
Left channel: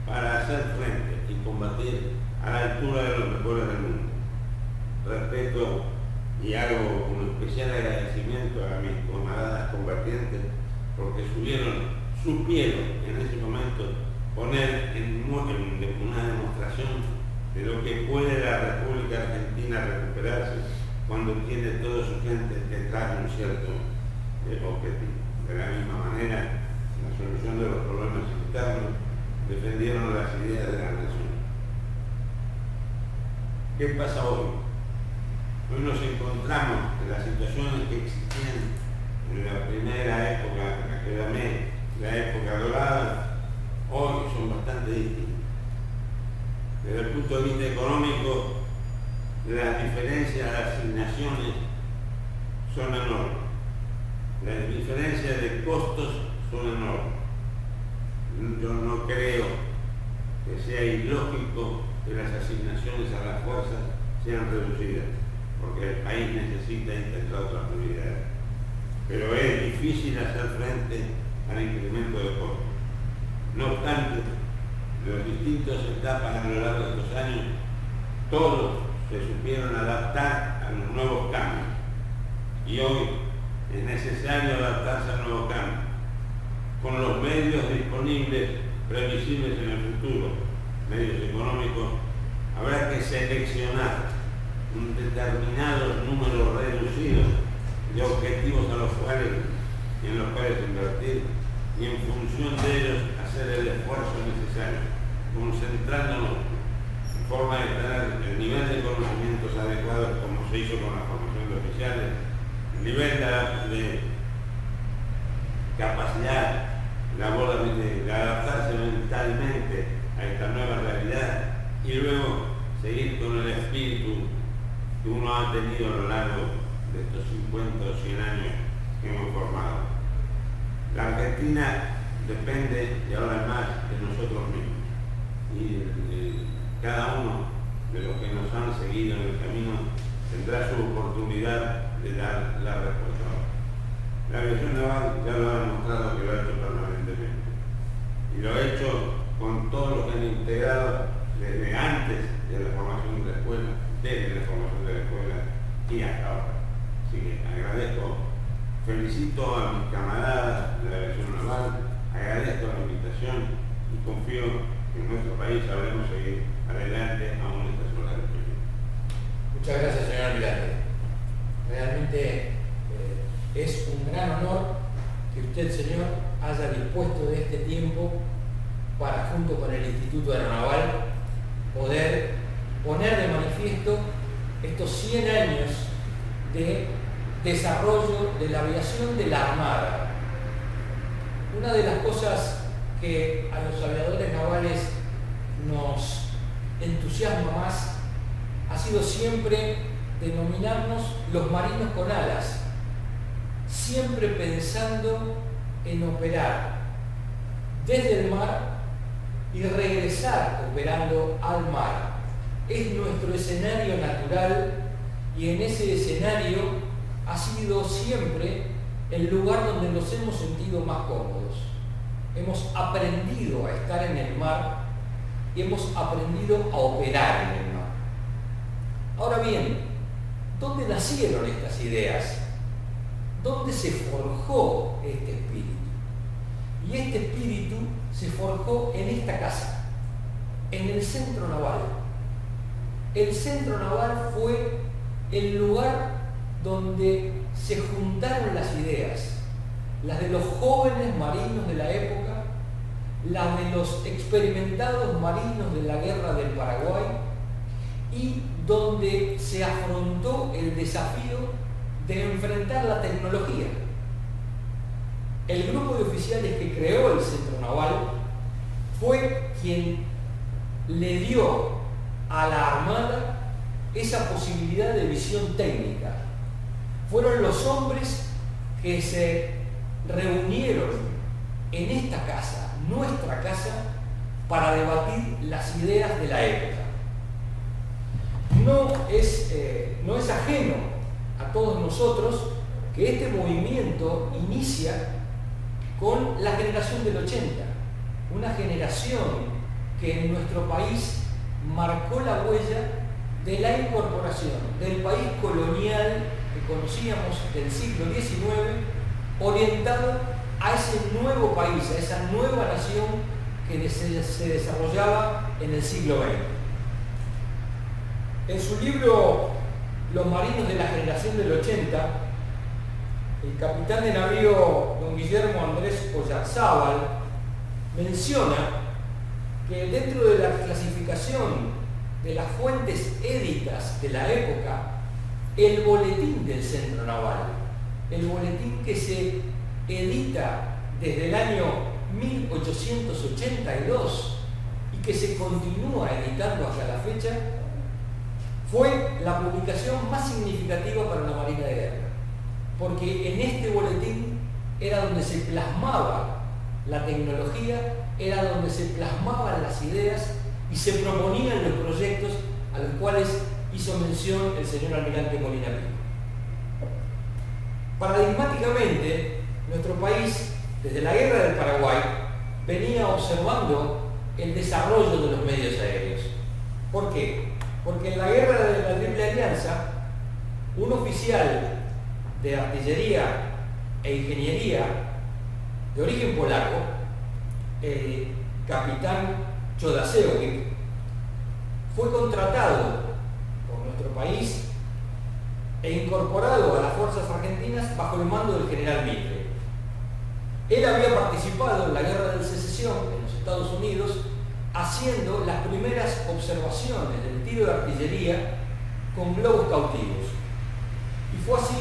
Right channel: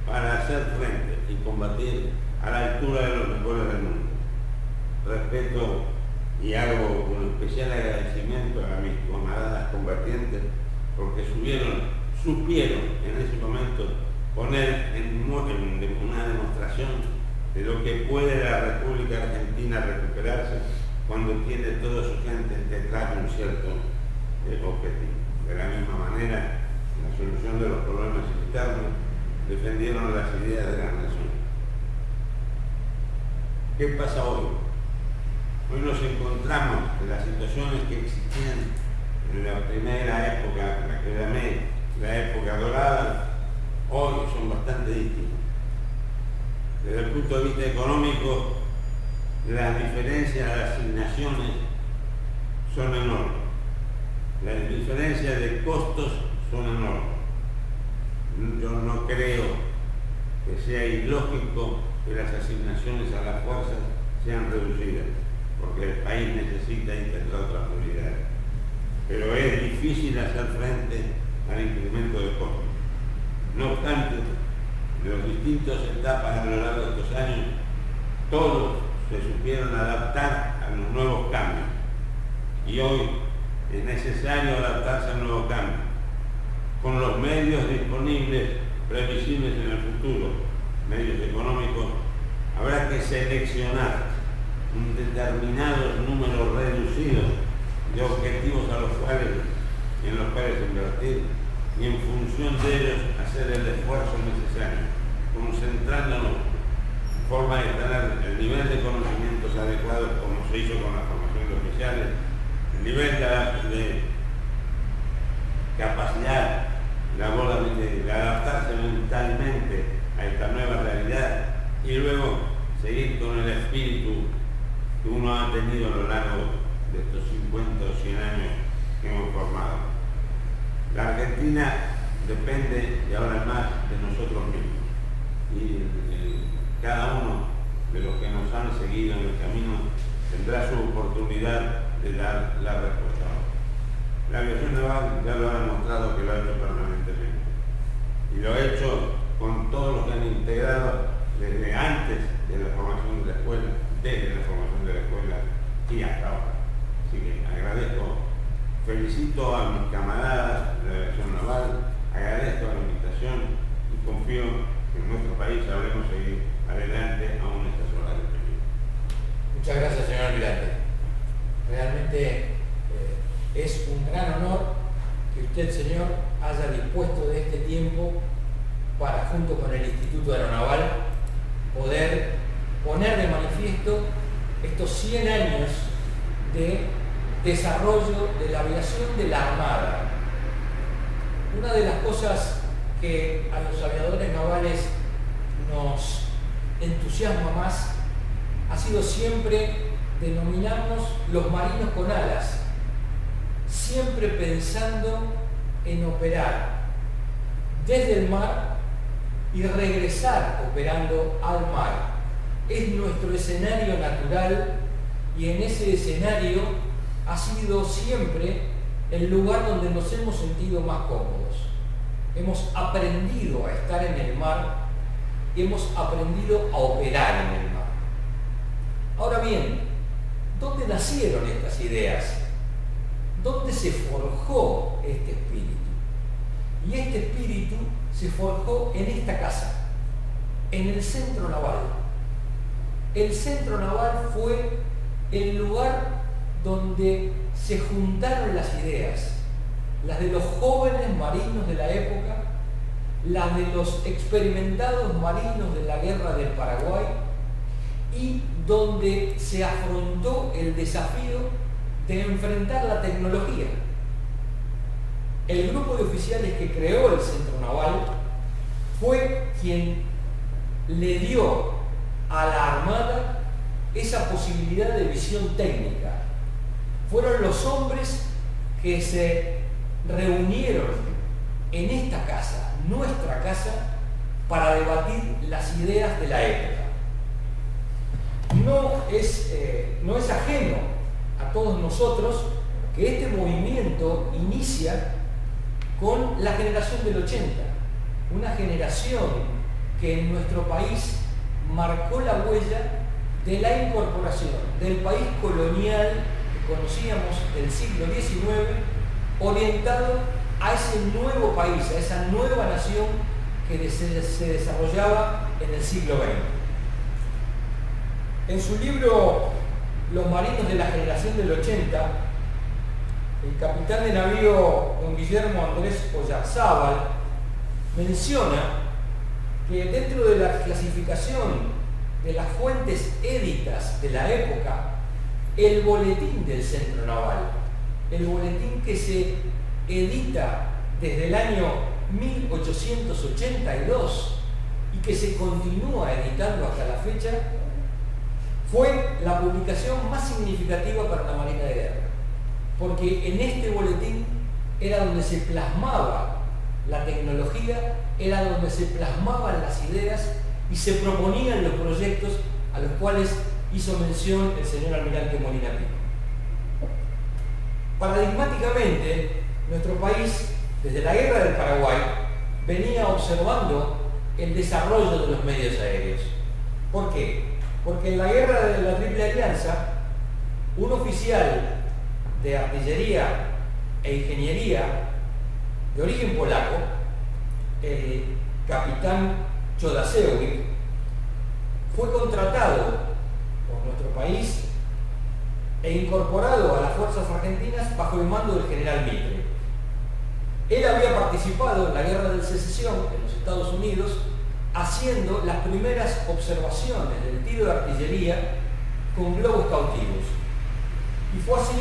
para hacer frente y combatir a la altura de los mejores del mundo. Respeto y hago un especial agradecimiento a mis camaradas combatientes porque supieron en ese momento poner en una demostración de lo que puede la República Argentina recuperarse cuando tiene toda su gente detrás de un cierto objetivo. De la misma manera, en la solución de los problemas internos, defendieron las ideas de la nación. ¿Qué pasa hoy? Hoy nos encontramos en las situaciones que existían en la primera época, la que llamé la época dorada, hoy son bastante distintas. Desde el punto de vista económico, las diferencias de asignaciones son enormes. Las diferencias de costos son enormes. Yo no creo que sea ilógico que las asignaciones a las fuerzas sean reducidas, porque el país necesita integrar otras prioridades. Pero es difícil hacer frente al incremento de costos. No obstante, en las distintas etapas a lo largo de estos años, todos se supieron adaptar a los nuevos cambios. Y hoy es necesario adaptarse a nuevos cambios, con los medios disponibles, previsibles en el futuro, medios económicos. Habrá que seleccionar un determinado número reducido de objetivos en los cuales invertir, y en función de ellos hacer el esfuerzo necesario, concentrándonos en forma de tener el nivel de conocimientos adecuados, como se hizo con la formación de oficiales, el nivel de capacidad de adaptarse mentalmente a esta nueva realidad, y luego seguir con el espíritu que uno ha tenido a lo largo de estos 50 o 100 años que hemos formado. La Argentina depende, y ahora más, de nosotros mismos. Y cada uno de los que nos han seguido en el camino tendrá su oportunidad de dar la respuesta. La aviación naval ya lo ha demostrado que lo ha hecho permanentemente. Y lo ha hecho con todos los que han integrado desde antes de la formación de la escuela, desde la formación de la escuela y hasta ahora. Así que agradezco, felicito a mis camaradas de la aviación naval, agradezco la invitación y confío que en nuestro país sabremos seguir adelante aún estas horas de peligro. Muchas gracias, señor almirante. Realmente es un gran honor que usted, señor, haya dispuesto de este tiempo para, junto con el Instituto Aeronaval, poder poner de manifiesto estos 100 años de desarrollo de la aviación de la Armada. Una de las cosas que a los aviadores navales nos entusiasma más ha sido siempre denominarnos los marinos con alas, siempre pensando en operar desde el mar y regresar operando al mar. Es nuestro escenario natural y en ese escenario ha sido siempre el lugar donde nos hemos sentido más cómodos. Hemos aprendido a estar en el mar y hemos aprendido a operar en el mar. Ahora bien, ¿dónde nacieron estas ideas? ¿Dónde se forjó este espíritu? Y este espíritu se forjó en esta casa, en el Centro Naval. El Centro Naval fue el lugar donde se juntaron las ideas, las de los jóvenes marinos de la época, las de los experimentados marinos de la Guerra del Paraguay, y donde se afrontó el desafío de enfrentar la tecnología. El grupo de oficiales que creó el Centro Naval fue quien le dio a la Armada esa posibilidad de visión técnica. Fueron los hombres que se reunieron en esta casa, nuestra casa, para debatir las ideas de la época. No es ajeno a todos nosotros que este movimiento inicia con la generación del 80, una generación que en nuestro país marcó la huella de la incorporación del país colonial que conocíamos del siglo XIX, orientado a ese nuevo país, a esa nueva nación que se desarrollaba en el siglo XX. En su libro Los marinos de la generación del 80, el capitán de navío don Guillermo Andrés Oyarzábal menciona que dentro de la clasificación de las fuentes éditas de la época, el boletín del Centro Naval, el boletín que se edita desde el año 1882 y que se continúa editando hasta la fecha, fue la publicación más significativa para la Marina de Guerra, porque en este boletín era donde se plasmaba la tecnología, era donde se plasmaban las ideas y se proponían los proyectos a los cuales hizo mención el señor almirante Molina Pico. Paradigmáticamente, nuestro país, desde la Guerra del Paraguay, venía observando el desarrollo de los medios aéreos. ¿Por qué? Porque en la Guerra de la Triple Alianza, un oficial de artillería e ingeniería de origen polaco, el capitán Chodasiewicz, fue contratado por nuestro país e incorporado a las fuerzas argentinas bajo el mando del general Mitre. Él había participado en la Guerra de Secesión en los Estados Unidos, haciendo las primeras observaciones del tiro de artillería con globos cautivos. Y fue así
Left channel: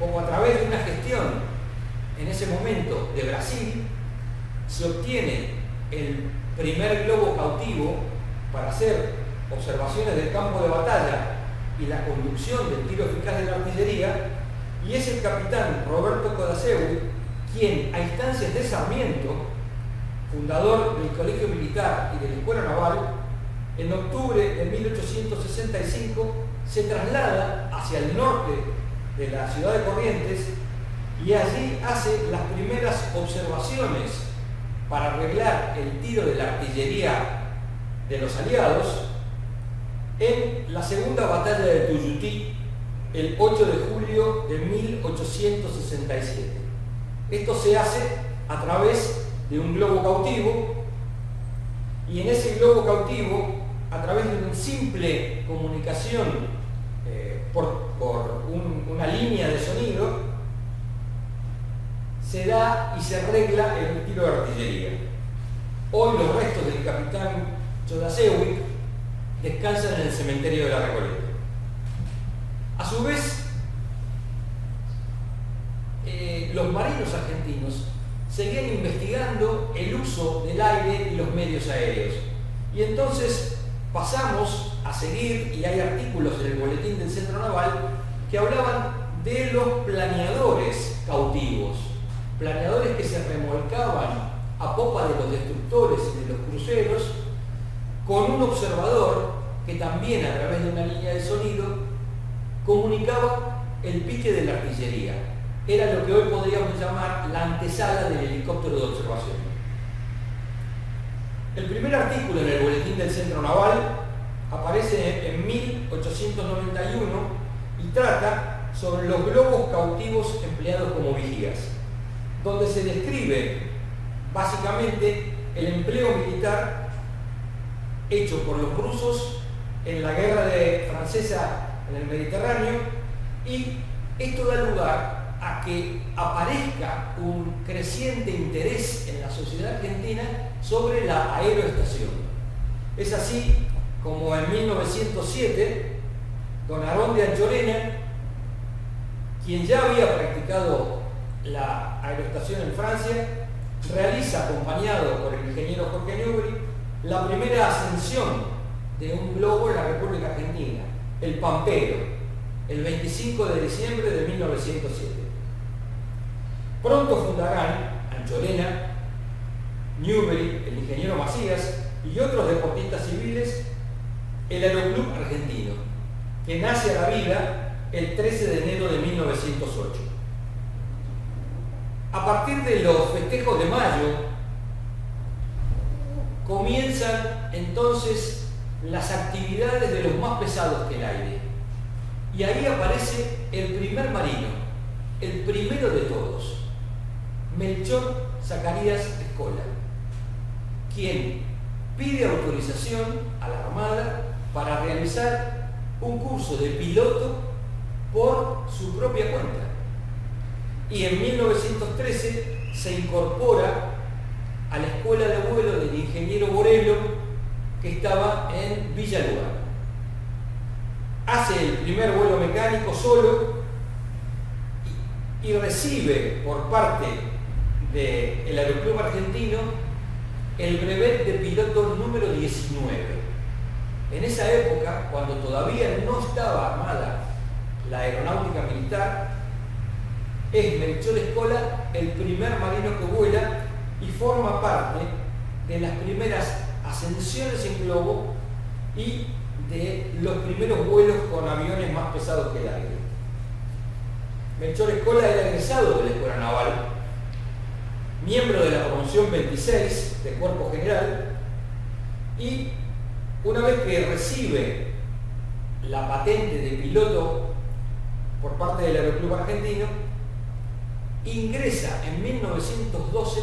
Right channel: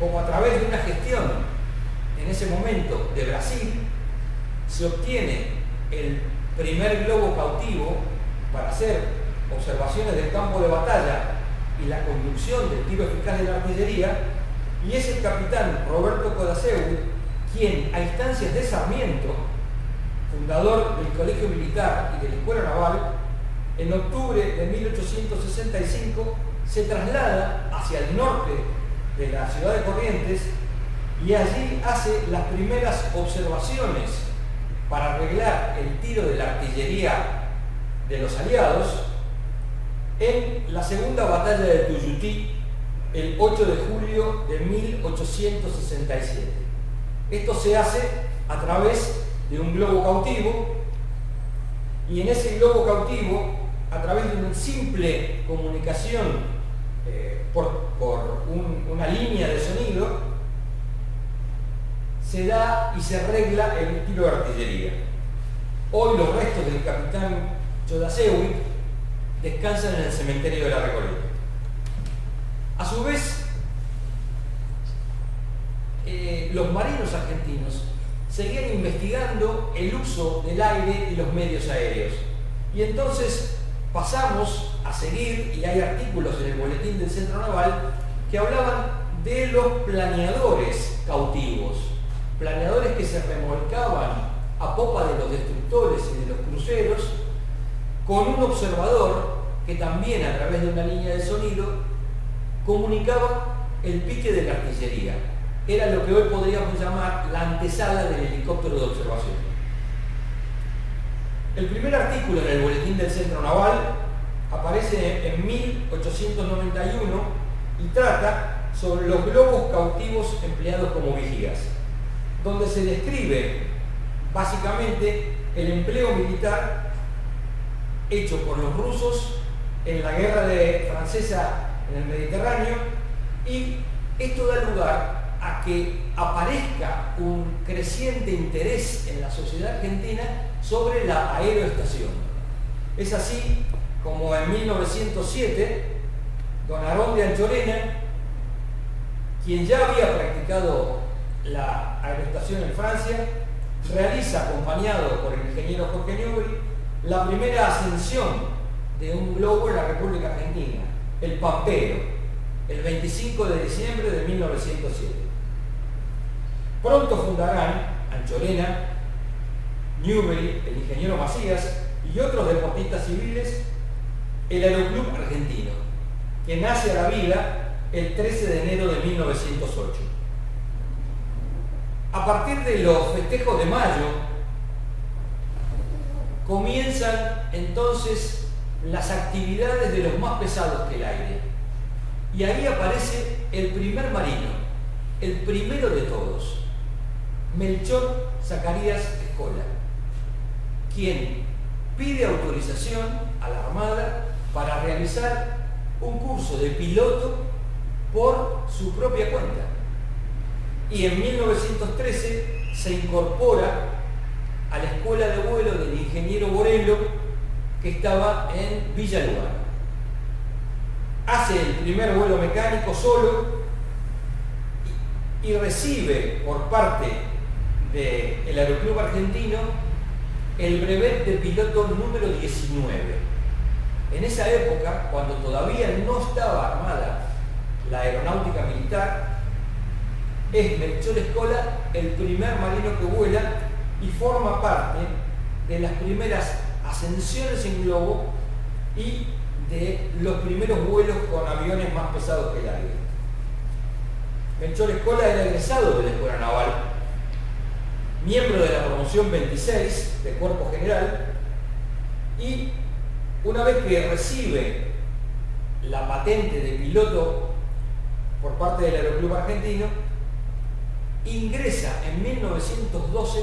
como, a través de una gestión en ese momento de Brasil, se obtiene el primer globo cautivo para hacer observaciones del campo de batalla y la conducción del tiro eficaz de la artillería, y es el capitán Roberto Chodasiewicz quien, a instancias de Sarmiento, fundador del Colegio Militar y de la Escuela Naval, en octubre de 1865 se traslada hacia el norte de la ciudad de Corrientes y allí hace las primeras observaciones para arreglar el tiro de la artillería de los aliados en la segunda batalla de Tuyutí, el 8 de julio de 1867. Esto se hace a través de un globo cautivo, y en ese globo cautivo, a través de una simple comunicación por una línea de sonido, se da y se arregla el tiro de artillería. Hoy los restos del capitán Chodasiewicz descansan en el cementerio de la Recoleta. A su vez, los marinos argentinos seguían investigando el uso del aire y los medios aéreos. Y entonces pasamos a seguir, y hay artículos en el boletín del Centro Naval que hablaban de los planeadores cautivos, planeadores que se remolcaban a popa de los destructores y de los cruceros, con un observador que también, a través de una línea de sonido, comunicaba el pique de la artillería. Era lo que hoy podríamos llamar la antesala del helicóptero de observación. El primer artículo en el boletín del Centro Naval aparece en 1891 y trata sobre los globos cautivos empleados como vigías, donde se describe básicamente el empleo militar hecho por los rusos en la guerra francesa en el Mediterráneo, y esto da lugar a que aparezca un creciente interés en la sociedad argentina sobre la aeroestación. Es así como en 1907, don Aarón de Anchorena, quien ya había practicado la aeroestación en Francia, realiza, acompañado por el ingeniero Jorge Newbery, la primera ascensión de un globo en la República Argentina, el Pampero, el 25 de diciembre de 1907. Pronto fundarán Anchorena, Newbery, el ingeniero Macías y otros deportistas civiles el Aeroclub Argentino, que nace a la vida el 13 de enero de 1908. A partir de los festejos de mayo, comienzan entonces las actividades de los más pesados que el aire. Y ahí aparece el primer marino, el primero de todos, Melchor Zacarías Escola, quien pide autorización a la Armada para realizar un curso de piloto por su propia cuenta. Y en 1913 se incorpora a la escuela de vuelo del ingeniero Borello, que estaba en Villa Lugano. Hace el primer vuelo mecánico solo y recibe por parte del Aeroclub Argentino el brevet de piloto número 19. En esa época, cuando todavía no estaba armada la aeronáutica militar, es Melchor Escola el primer marino que vuela y forma parte de las primeras ascensiones en globo y de los primeros vuelos con aviones más pesados que el aire. Melchor Escola era egresado de la Escuela Naval, miembro de la promoción 26 de Cuerpo General, y una vez que recibe la patente de piloto por parte del Aeroclub Argentino, ingresa en 1912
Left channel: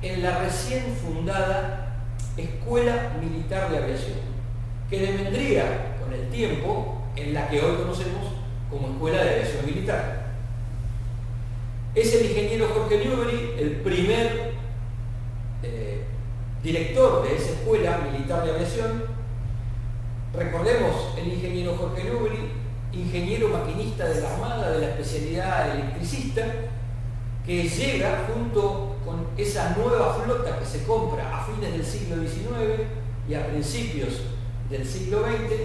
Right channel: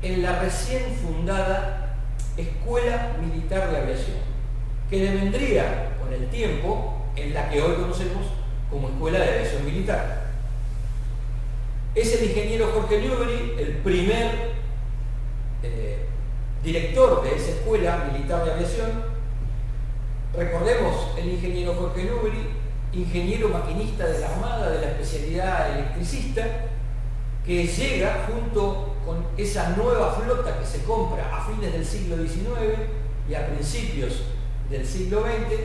en la recién fundada Escuela Militar de Aviación, que devendría con el tiempo en la que hoy conocemos como Escuela de Aviación Militar. Es el ingeniero Jorge Newbery el primer director de esa Escuela Militar de Aviación. Recordemos el ingeniero Jorge Newbery, ingeniero maquinista de la Armada, de la especialidad electricista, que llega junto con esa nueva flota que se compra a fines del siglo XIX y a principios del siglo XX,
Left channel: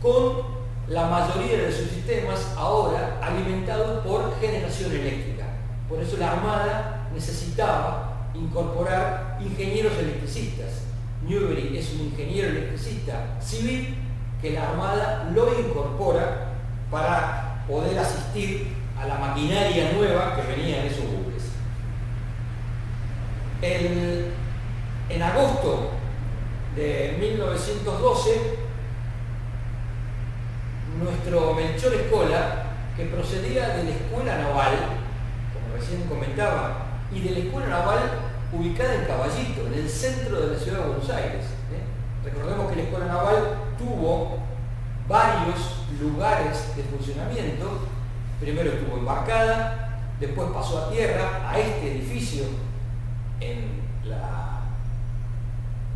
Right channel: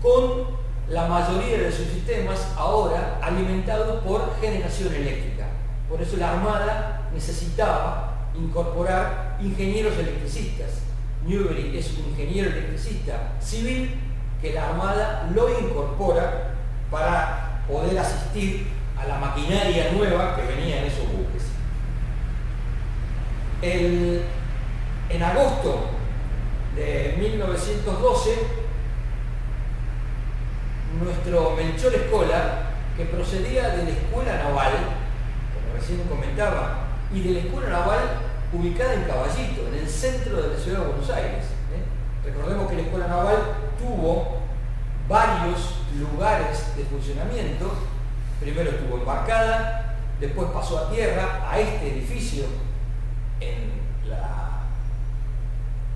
con la mayoría de sus sistemas ahora alimentados por generación eléctrica. Por eso la Armada necesitaba incorporar ingenieros electricistas. Newbery es un ingeniero electricista civil que la Armada lo incorpora para poder asistir a la maquinaria nueva que venía en esos buques. En agosto de 1912, nuestro Melchor Escola, que procedía de la Escuela Naval, como recién comentaba, y de la Escuela Naval ubicada en Caballito, en el centro de la ciudad de Buenos Aires. Recordemos que la Escuela Naval tuvo varios lugares de funcionamiento. Primero estuvo embarcada, después pasó a tierra, a este edificio en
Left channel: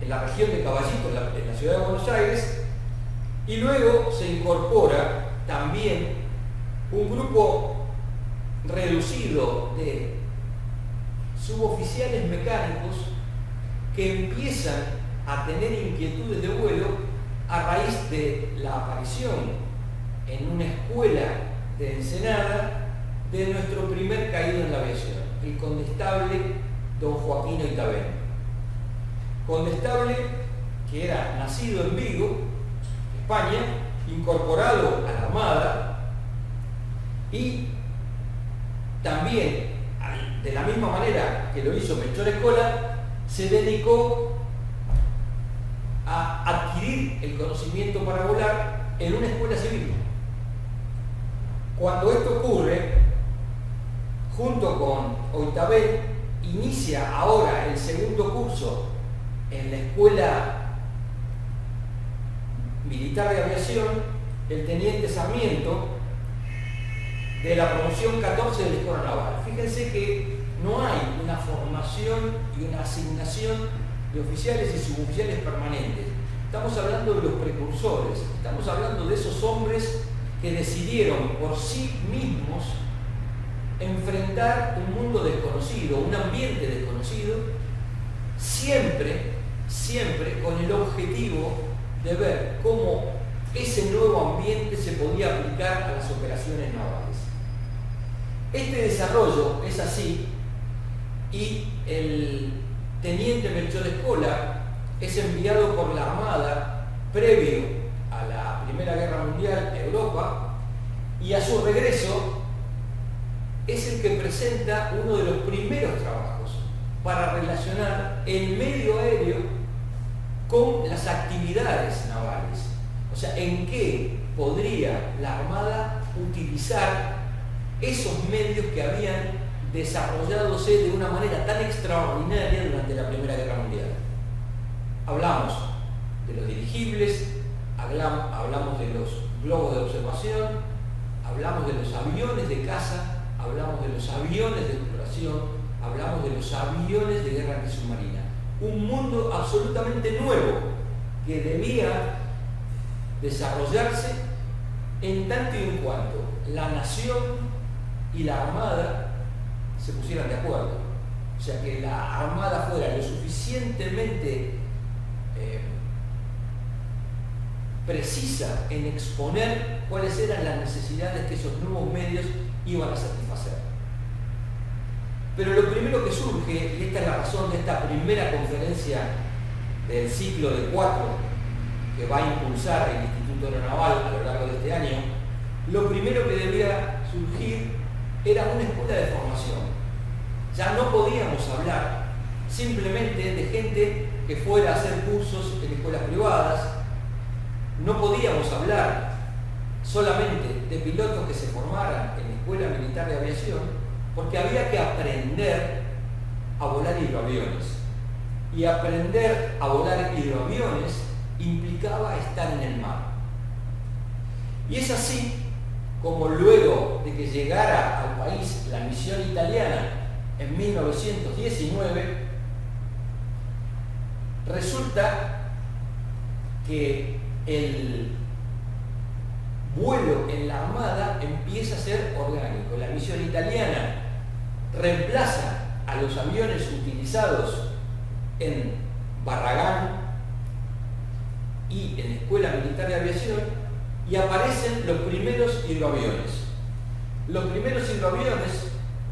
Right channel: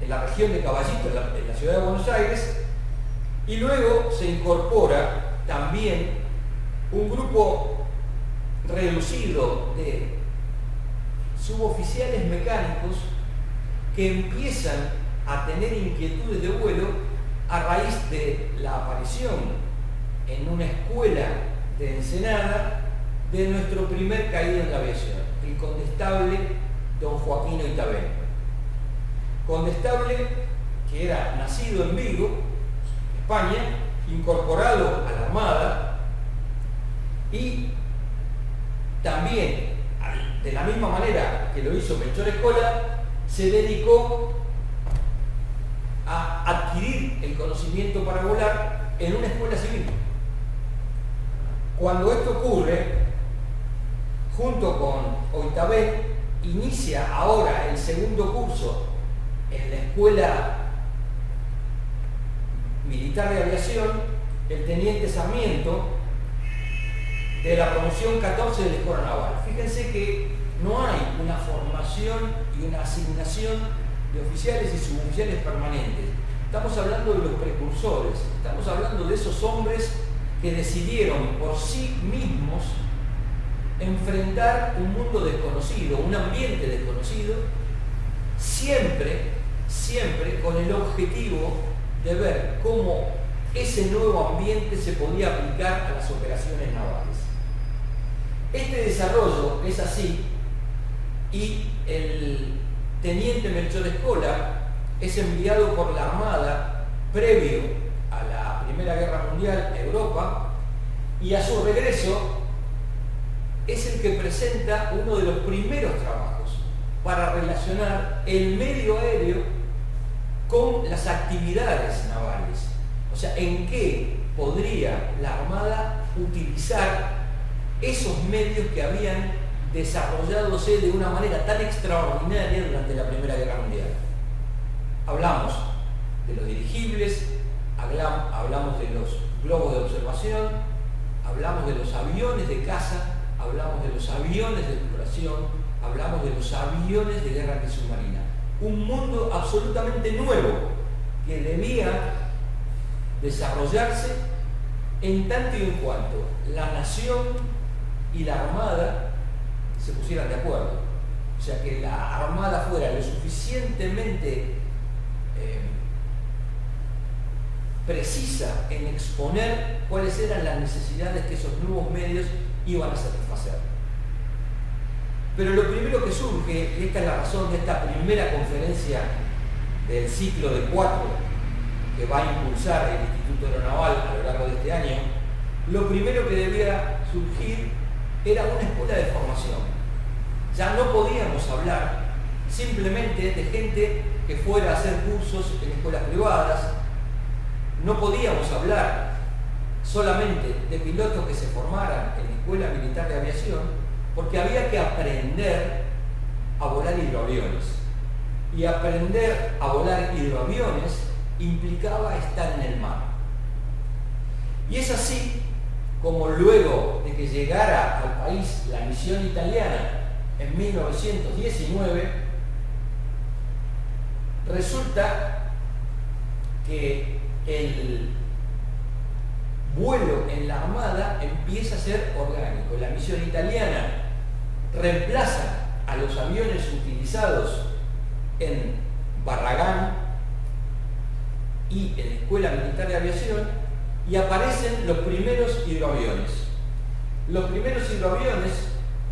la región de Caballito, en la ciudad de Buenos Aires, y luego se incorpora también un grupo reducido de suboficiales mecánicos que empiezan a tener inquietudes de vuelo a raíz de la aparición en una escuela de Ensenada de nuestro primer caído en la aviación, el condestable don Joaquino Itabén. Condestable que era nacido en Vigo, España, incorporado a la Armada, y también, de la misma manera que lo hizo Melchor Escola, se dedicó a adquirir el conocimiento para volar en una escuela civil. Cuando esto ocurre, junto con Oitabén, inicia ahora el segundo curso en la Escuela Militar de Aviación, el teniente Sarmiento, de la promoción 14 de la Escuela Naval. Fíjense que no hay una formación y una asignación de oficiales y suboficiales permanentes. Estamos hablando de los precursores, estamos hablando de esos hombres que decidieron por sí mismos enfrentar un mundo desconocido, un ambiente desconocido, siempre con el objetivo de ver cómo ese nuevo ambiente se podía aplicar a las operaciones navales. Este desarrollo es así, y el teniente Melchor Escola es enviado por la Armada previo a la Primera Guerra Mundial a Europa y a su regreso es el que presenta uno de los primeros trabajos para relacionar el medio aéreo con las actividades navales. O sea, en qué podría la Armada utilizar esos medios que habían desarrolladose de una manera tan extraordinaria durante la Primera Guerra Mundial. Hablamos de los dirigibles, hablamos de los globos de observación, hablamos de los aviones de caza, hablamos de los aviones de exploración, hablamos de los aviones de guerra antisubmarina. Un mundo absolutamente nuevo que debía desarrollarse en tanto y en cuanto la nación y la Armada se pusieran de acuerdo. O sea, que la Armada fuera lo suficientemente precisa en exponer cuáles eran las necesidades que esos nuevos medios iban a satisfacer. Pero lo primero que surge, y esta es la razón de esta primera conferencia del ciclo de 4 que va a impulsar el Instituto Aeronaval a lo largo de este año, lo primero que debía surgir era una escuela de formación. Ya no podíamos hablar simplemente de gente que fuera a hacer cursos en escuelas privadas, no podíamos hablar solamente de pilotos que se formaran en la Escuela Militar de Aviación, porque había que aprender a volar hidroaviones. Y aprender a volar hidroaviones implicaba estar en el mar. Y es así como luego de que llegara al país la misión italiana en 1919, resulta que el vuelo en la Armada empieza a ser orgánico. La misión italiana reemplaza a los aviones utilizados en Barragán y en la Escuela Militar de Aviación, y aparecen los primeros hidroaviones. Los primeros hidroaviones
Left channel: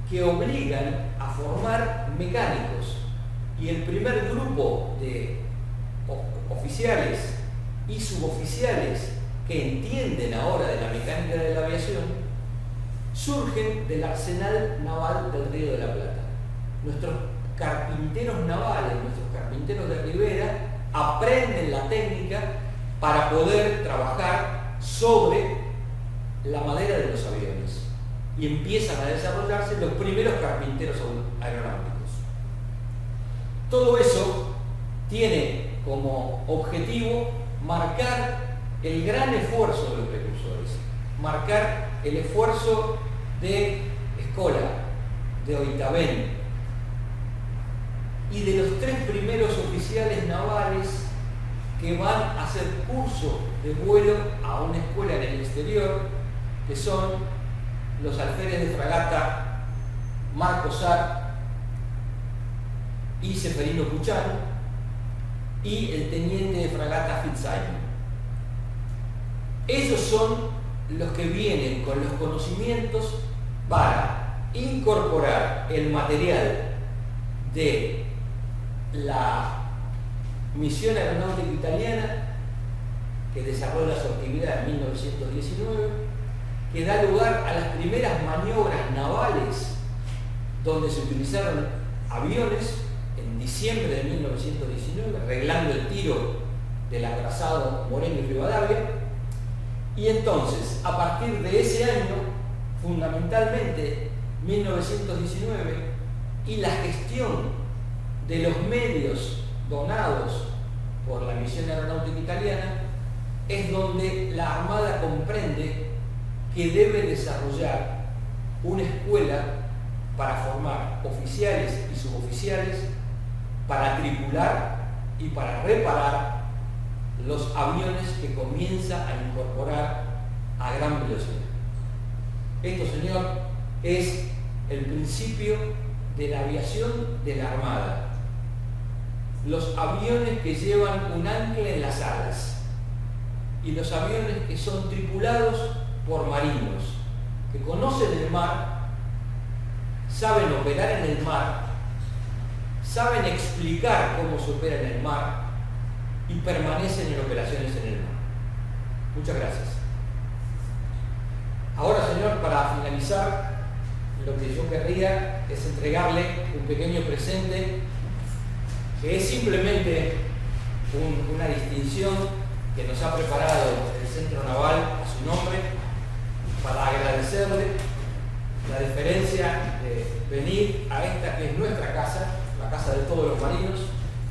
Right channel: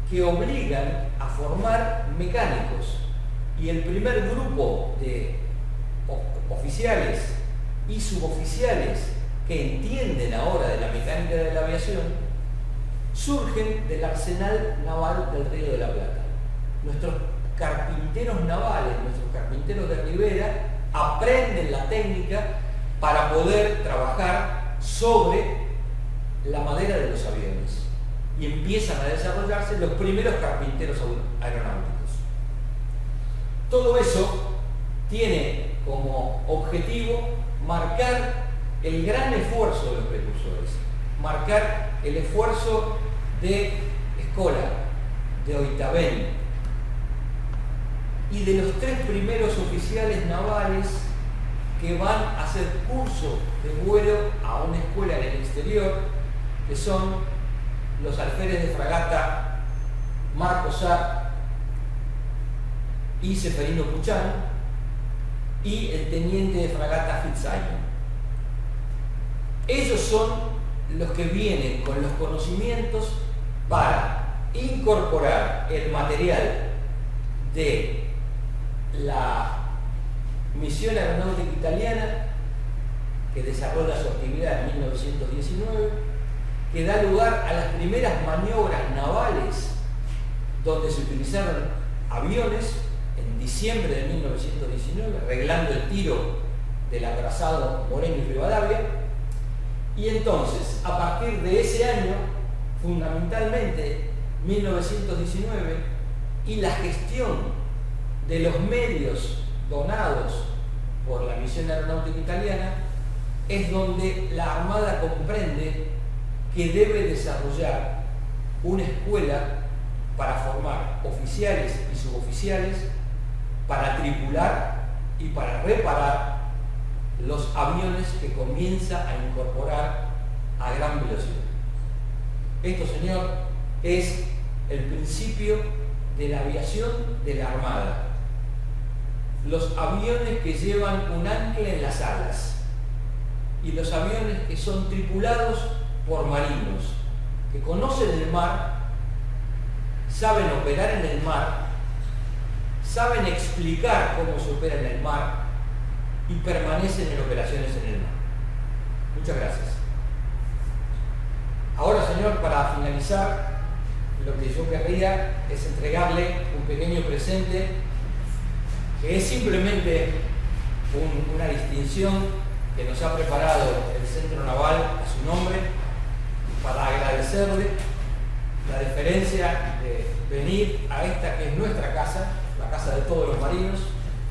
que obligan a formar mecánicos, y el primer grupo de oficiales y suboficiales que entienden ahora de la mecánica de la aviación surgen del arsenal naval del Río de la Plata. Nuestros carpinteros navales, nuestros carpinteros de ribera, aprenden la técnica para poder trabajar sobre la madera de los aviones, y empiezan a desarrollarse los primeros carpinteros aeronáuticos. Todo eso tiene como objetivo marcar el gran esfuerzo de los precursores, marcar el esfuerzo de Escola, de Oitavén y de los 3 primeros oficiales navales que van a hacer curso de vuelo a una escuela en el exterior, que son los alférez de fragata Marco Sar y Seferino Puchán, y el teniente de fragata Fitzsimon. Ellos son los que vienen con los conocimientos para incorporar el material de la misión aeronáutica italiana, que desarrolla su actividad en 1919, que da lugar a las primeras maniobras navales donde se utilizaron aviones en diciembre de 1919, arreglando el tiro del acorazado Moreno y Rivadavia. Y entonces, a partir de ese año, fundamentalmente 1919, y la gestión de los medios donados por la misión aeronáutica italiana, es donde la Armada comprende que debe desarrollar una escuela para formar oficiales y suboficiales, para tripular y para reparar los aviones que comienza a incorporar a gran velocidad. Esto, señor, es el principio de la aviación de la Armada. Los aviones que llevan un ancla en las alas y los aviones que son tripulados por marinos, que conocen el mar, saben operar en el mar, saben explicar cómo se opera en el mar y permanecen en operaciones en el mar. Muchas gracias. Ahora, señor, para finalizar, lo que yo querría es entregarle un pequeño presente que es simplemente una distinción que nos ha preparado el Centro Naval a su nombre para agradecerle la deferencia de venir a esta que es nuestra casa, la casa de todos los marinos,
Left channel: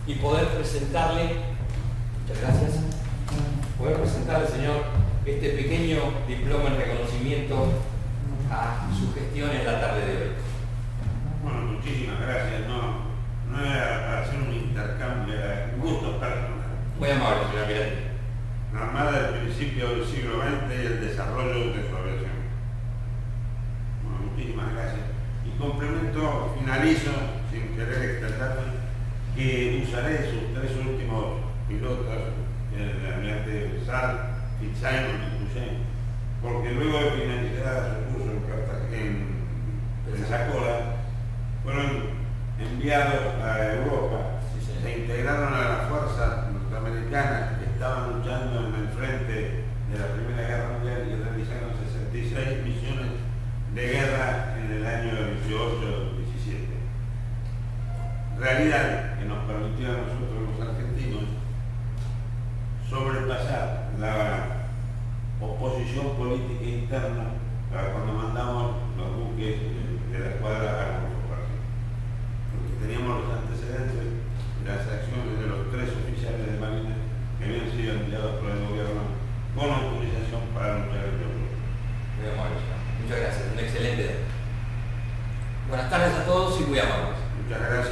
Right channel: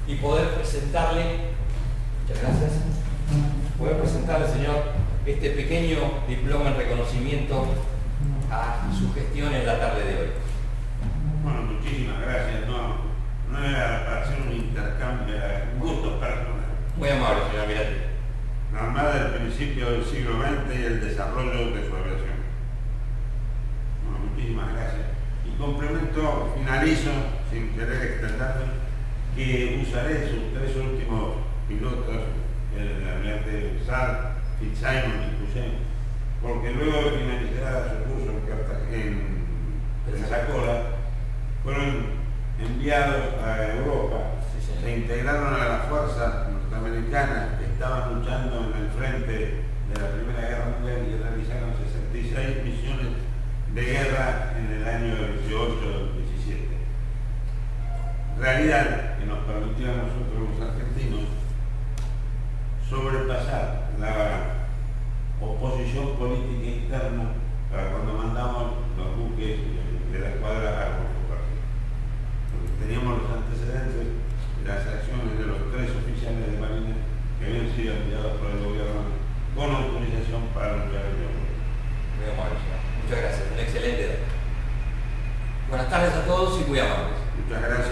y poder presentarle, muchas gracias, poder presentarle, señor, este pequeño diploma en reconocimiento a su gestión en la tarde de hoy. Bueno, muchísimas gracias. No era para hacer un intercambio, era un gusto personal. Muy amable, señor almirante. La Armada del principio del siglo XX y el desarrollo de su aviación. Bueno, muchísimas gracias. Y complemento, finalizo, sin querer extenderme, que usaré sus 3 últimos pilotos, el almirante Sal, Fitzsimon y Cousin, porque luego de finalizar su curso en Pensacola, fueron enviados a Europa, se integraron a las fuerzas norteamericanas que estaban luchando en el frente de la Primera Guerra Mundial y realizaron 66 misiones de guerra en el año 18-17. Realidad que nos permitió a nosotros los argentinos sobrepasar la oposición política interna para cuando mandamos los buques de la escuadra a Golfo Pérsico. Porque teníamos los antecedentes de las acciones de los 3 oficiales de Marina que habían sido enviados por el gobierno con autorización para luchar en Europa. Muy amable, señor. Muchas gracias, un excelente dato. Buenas tardes a todos y muy amables. Muchas gracias.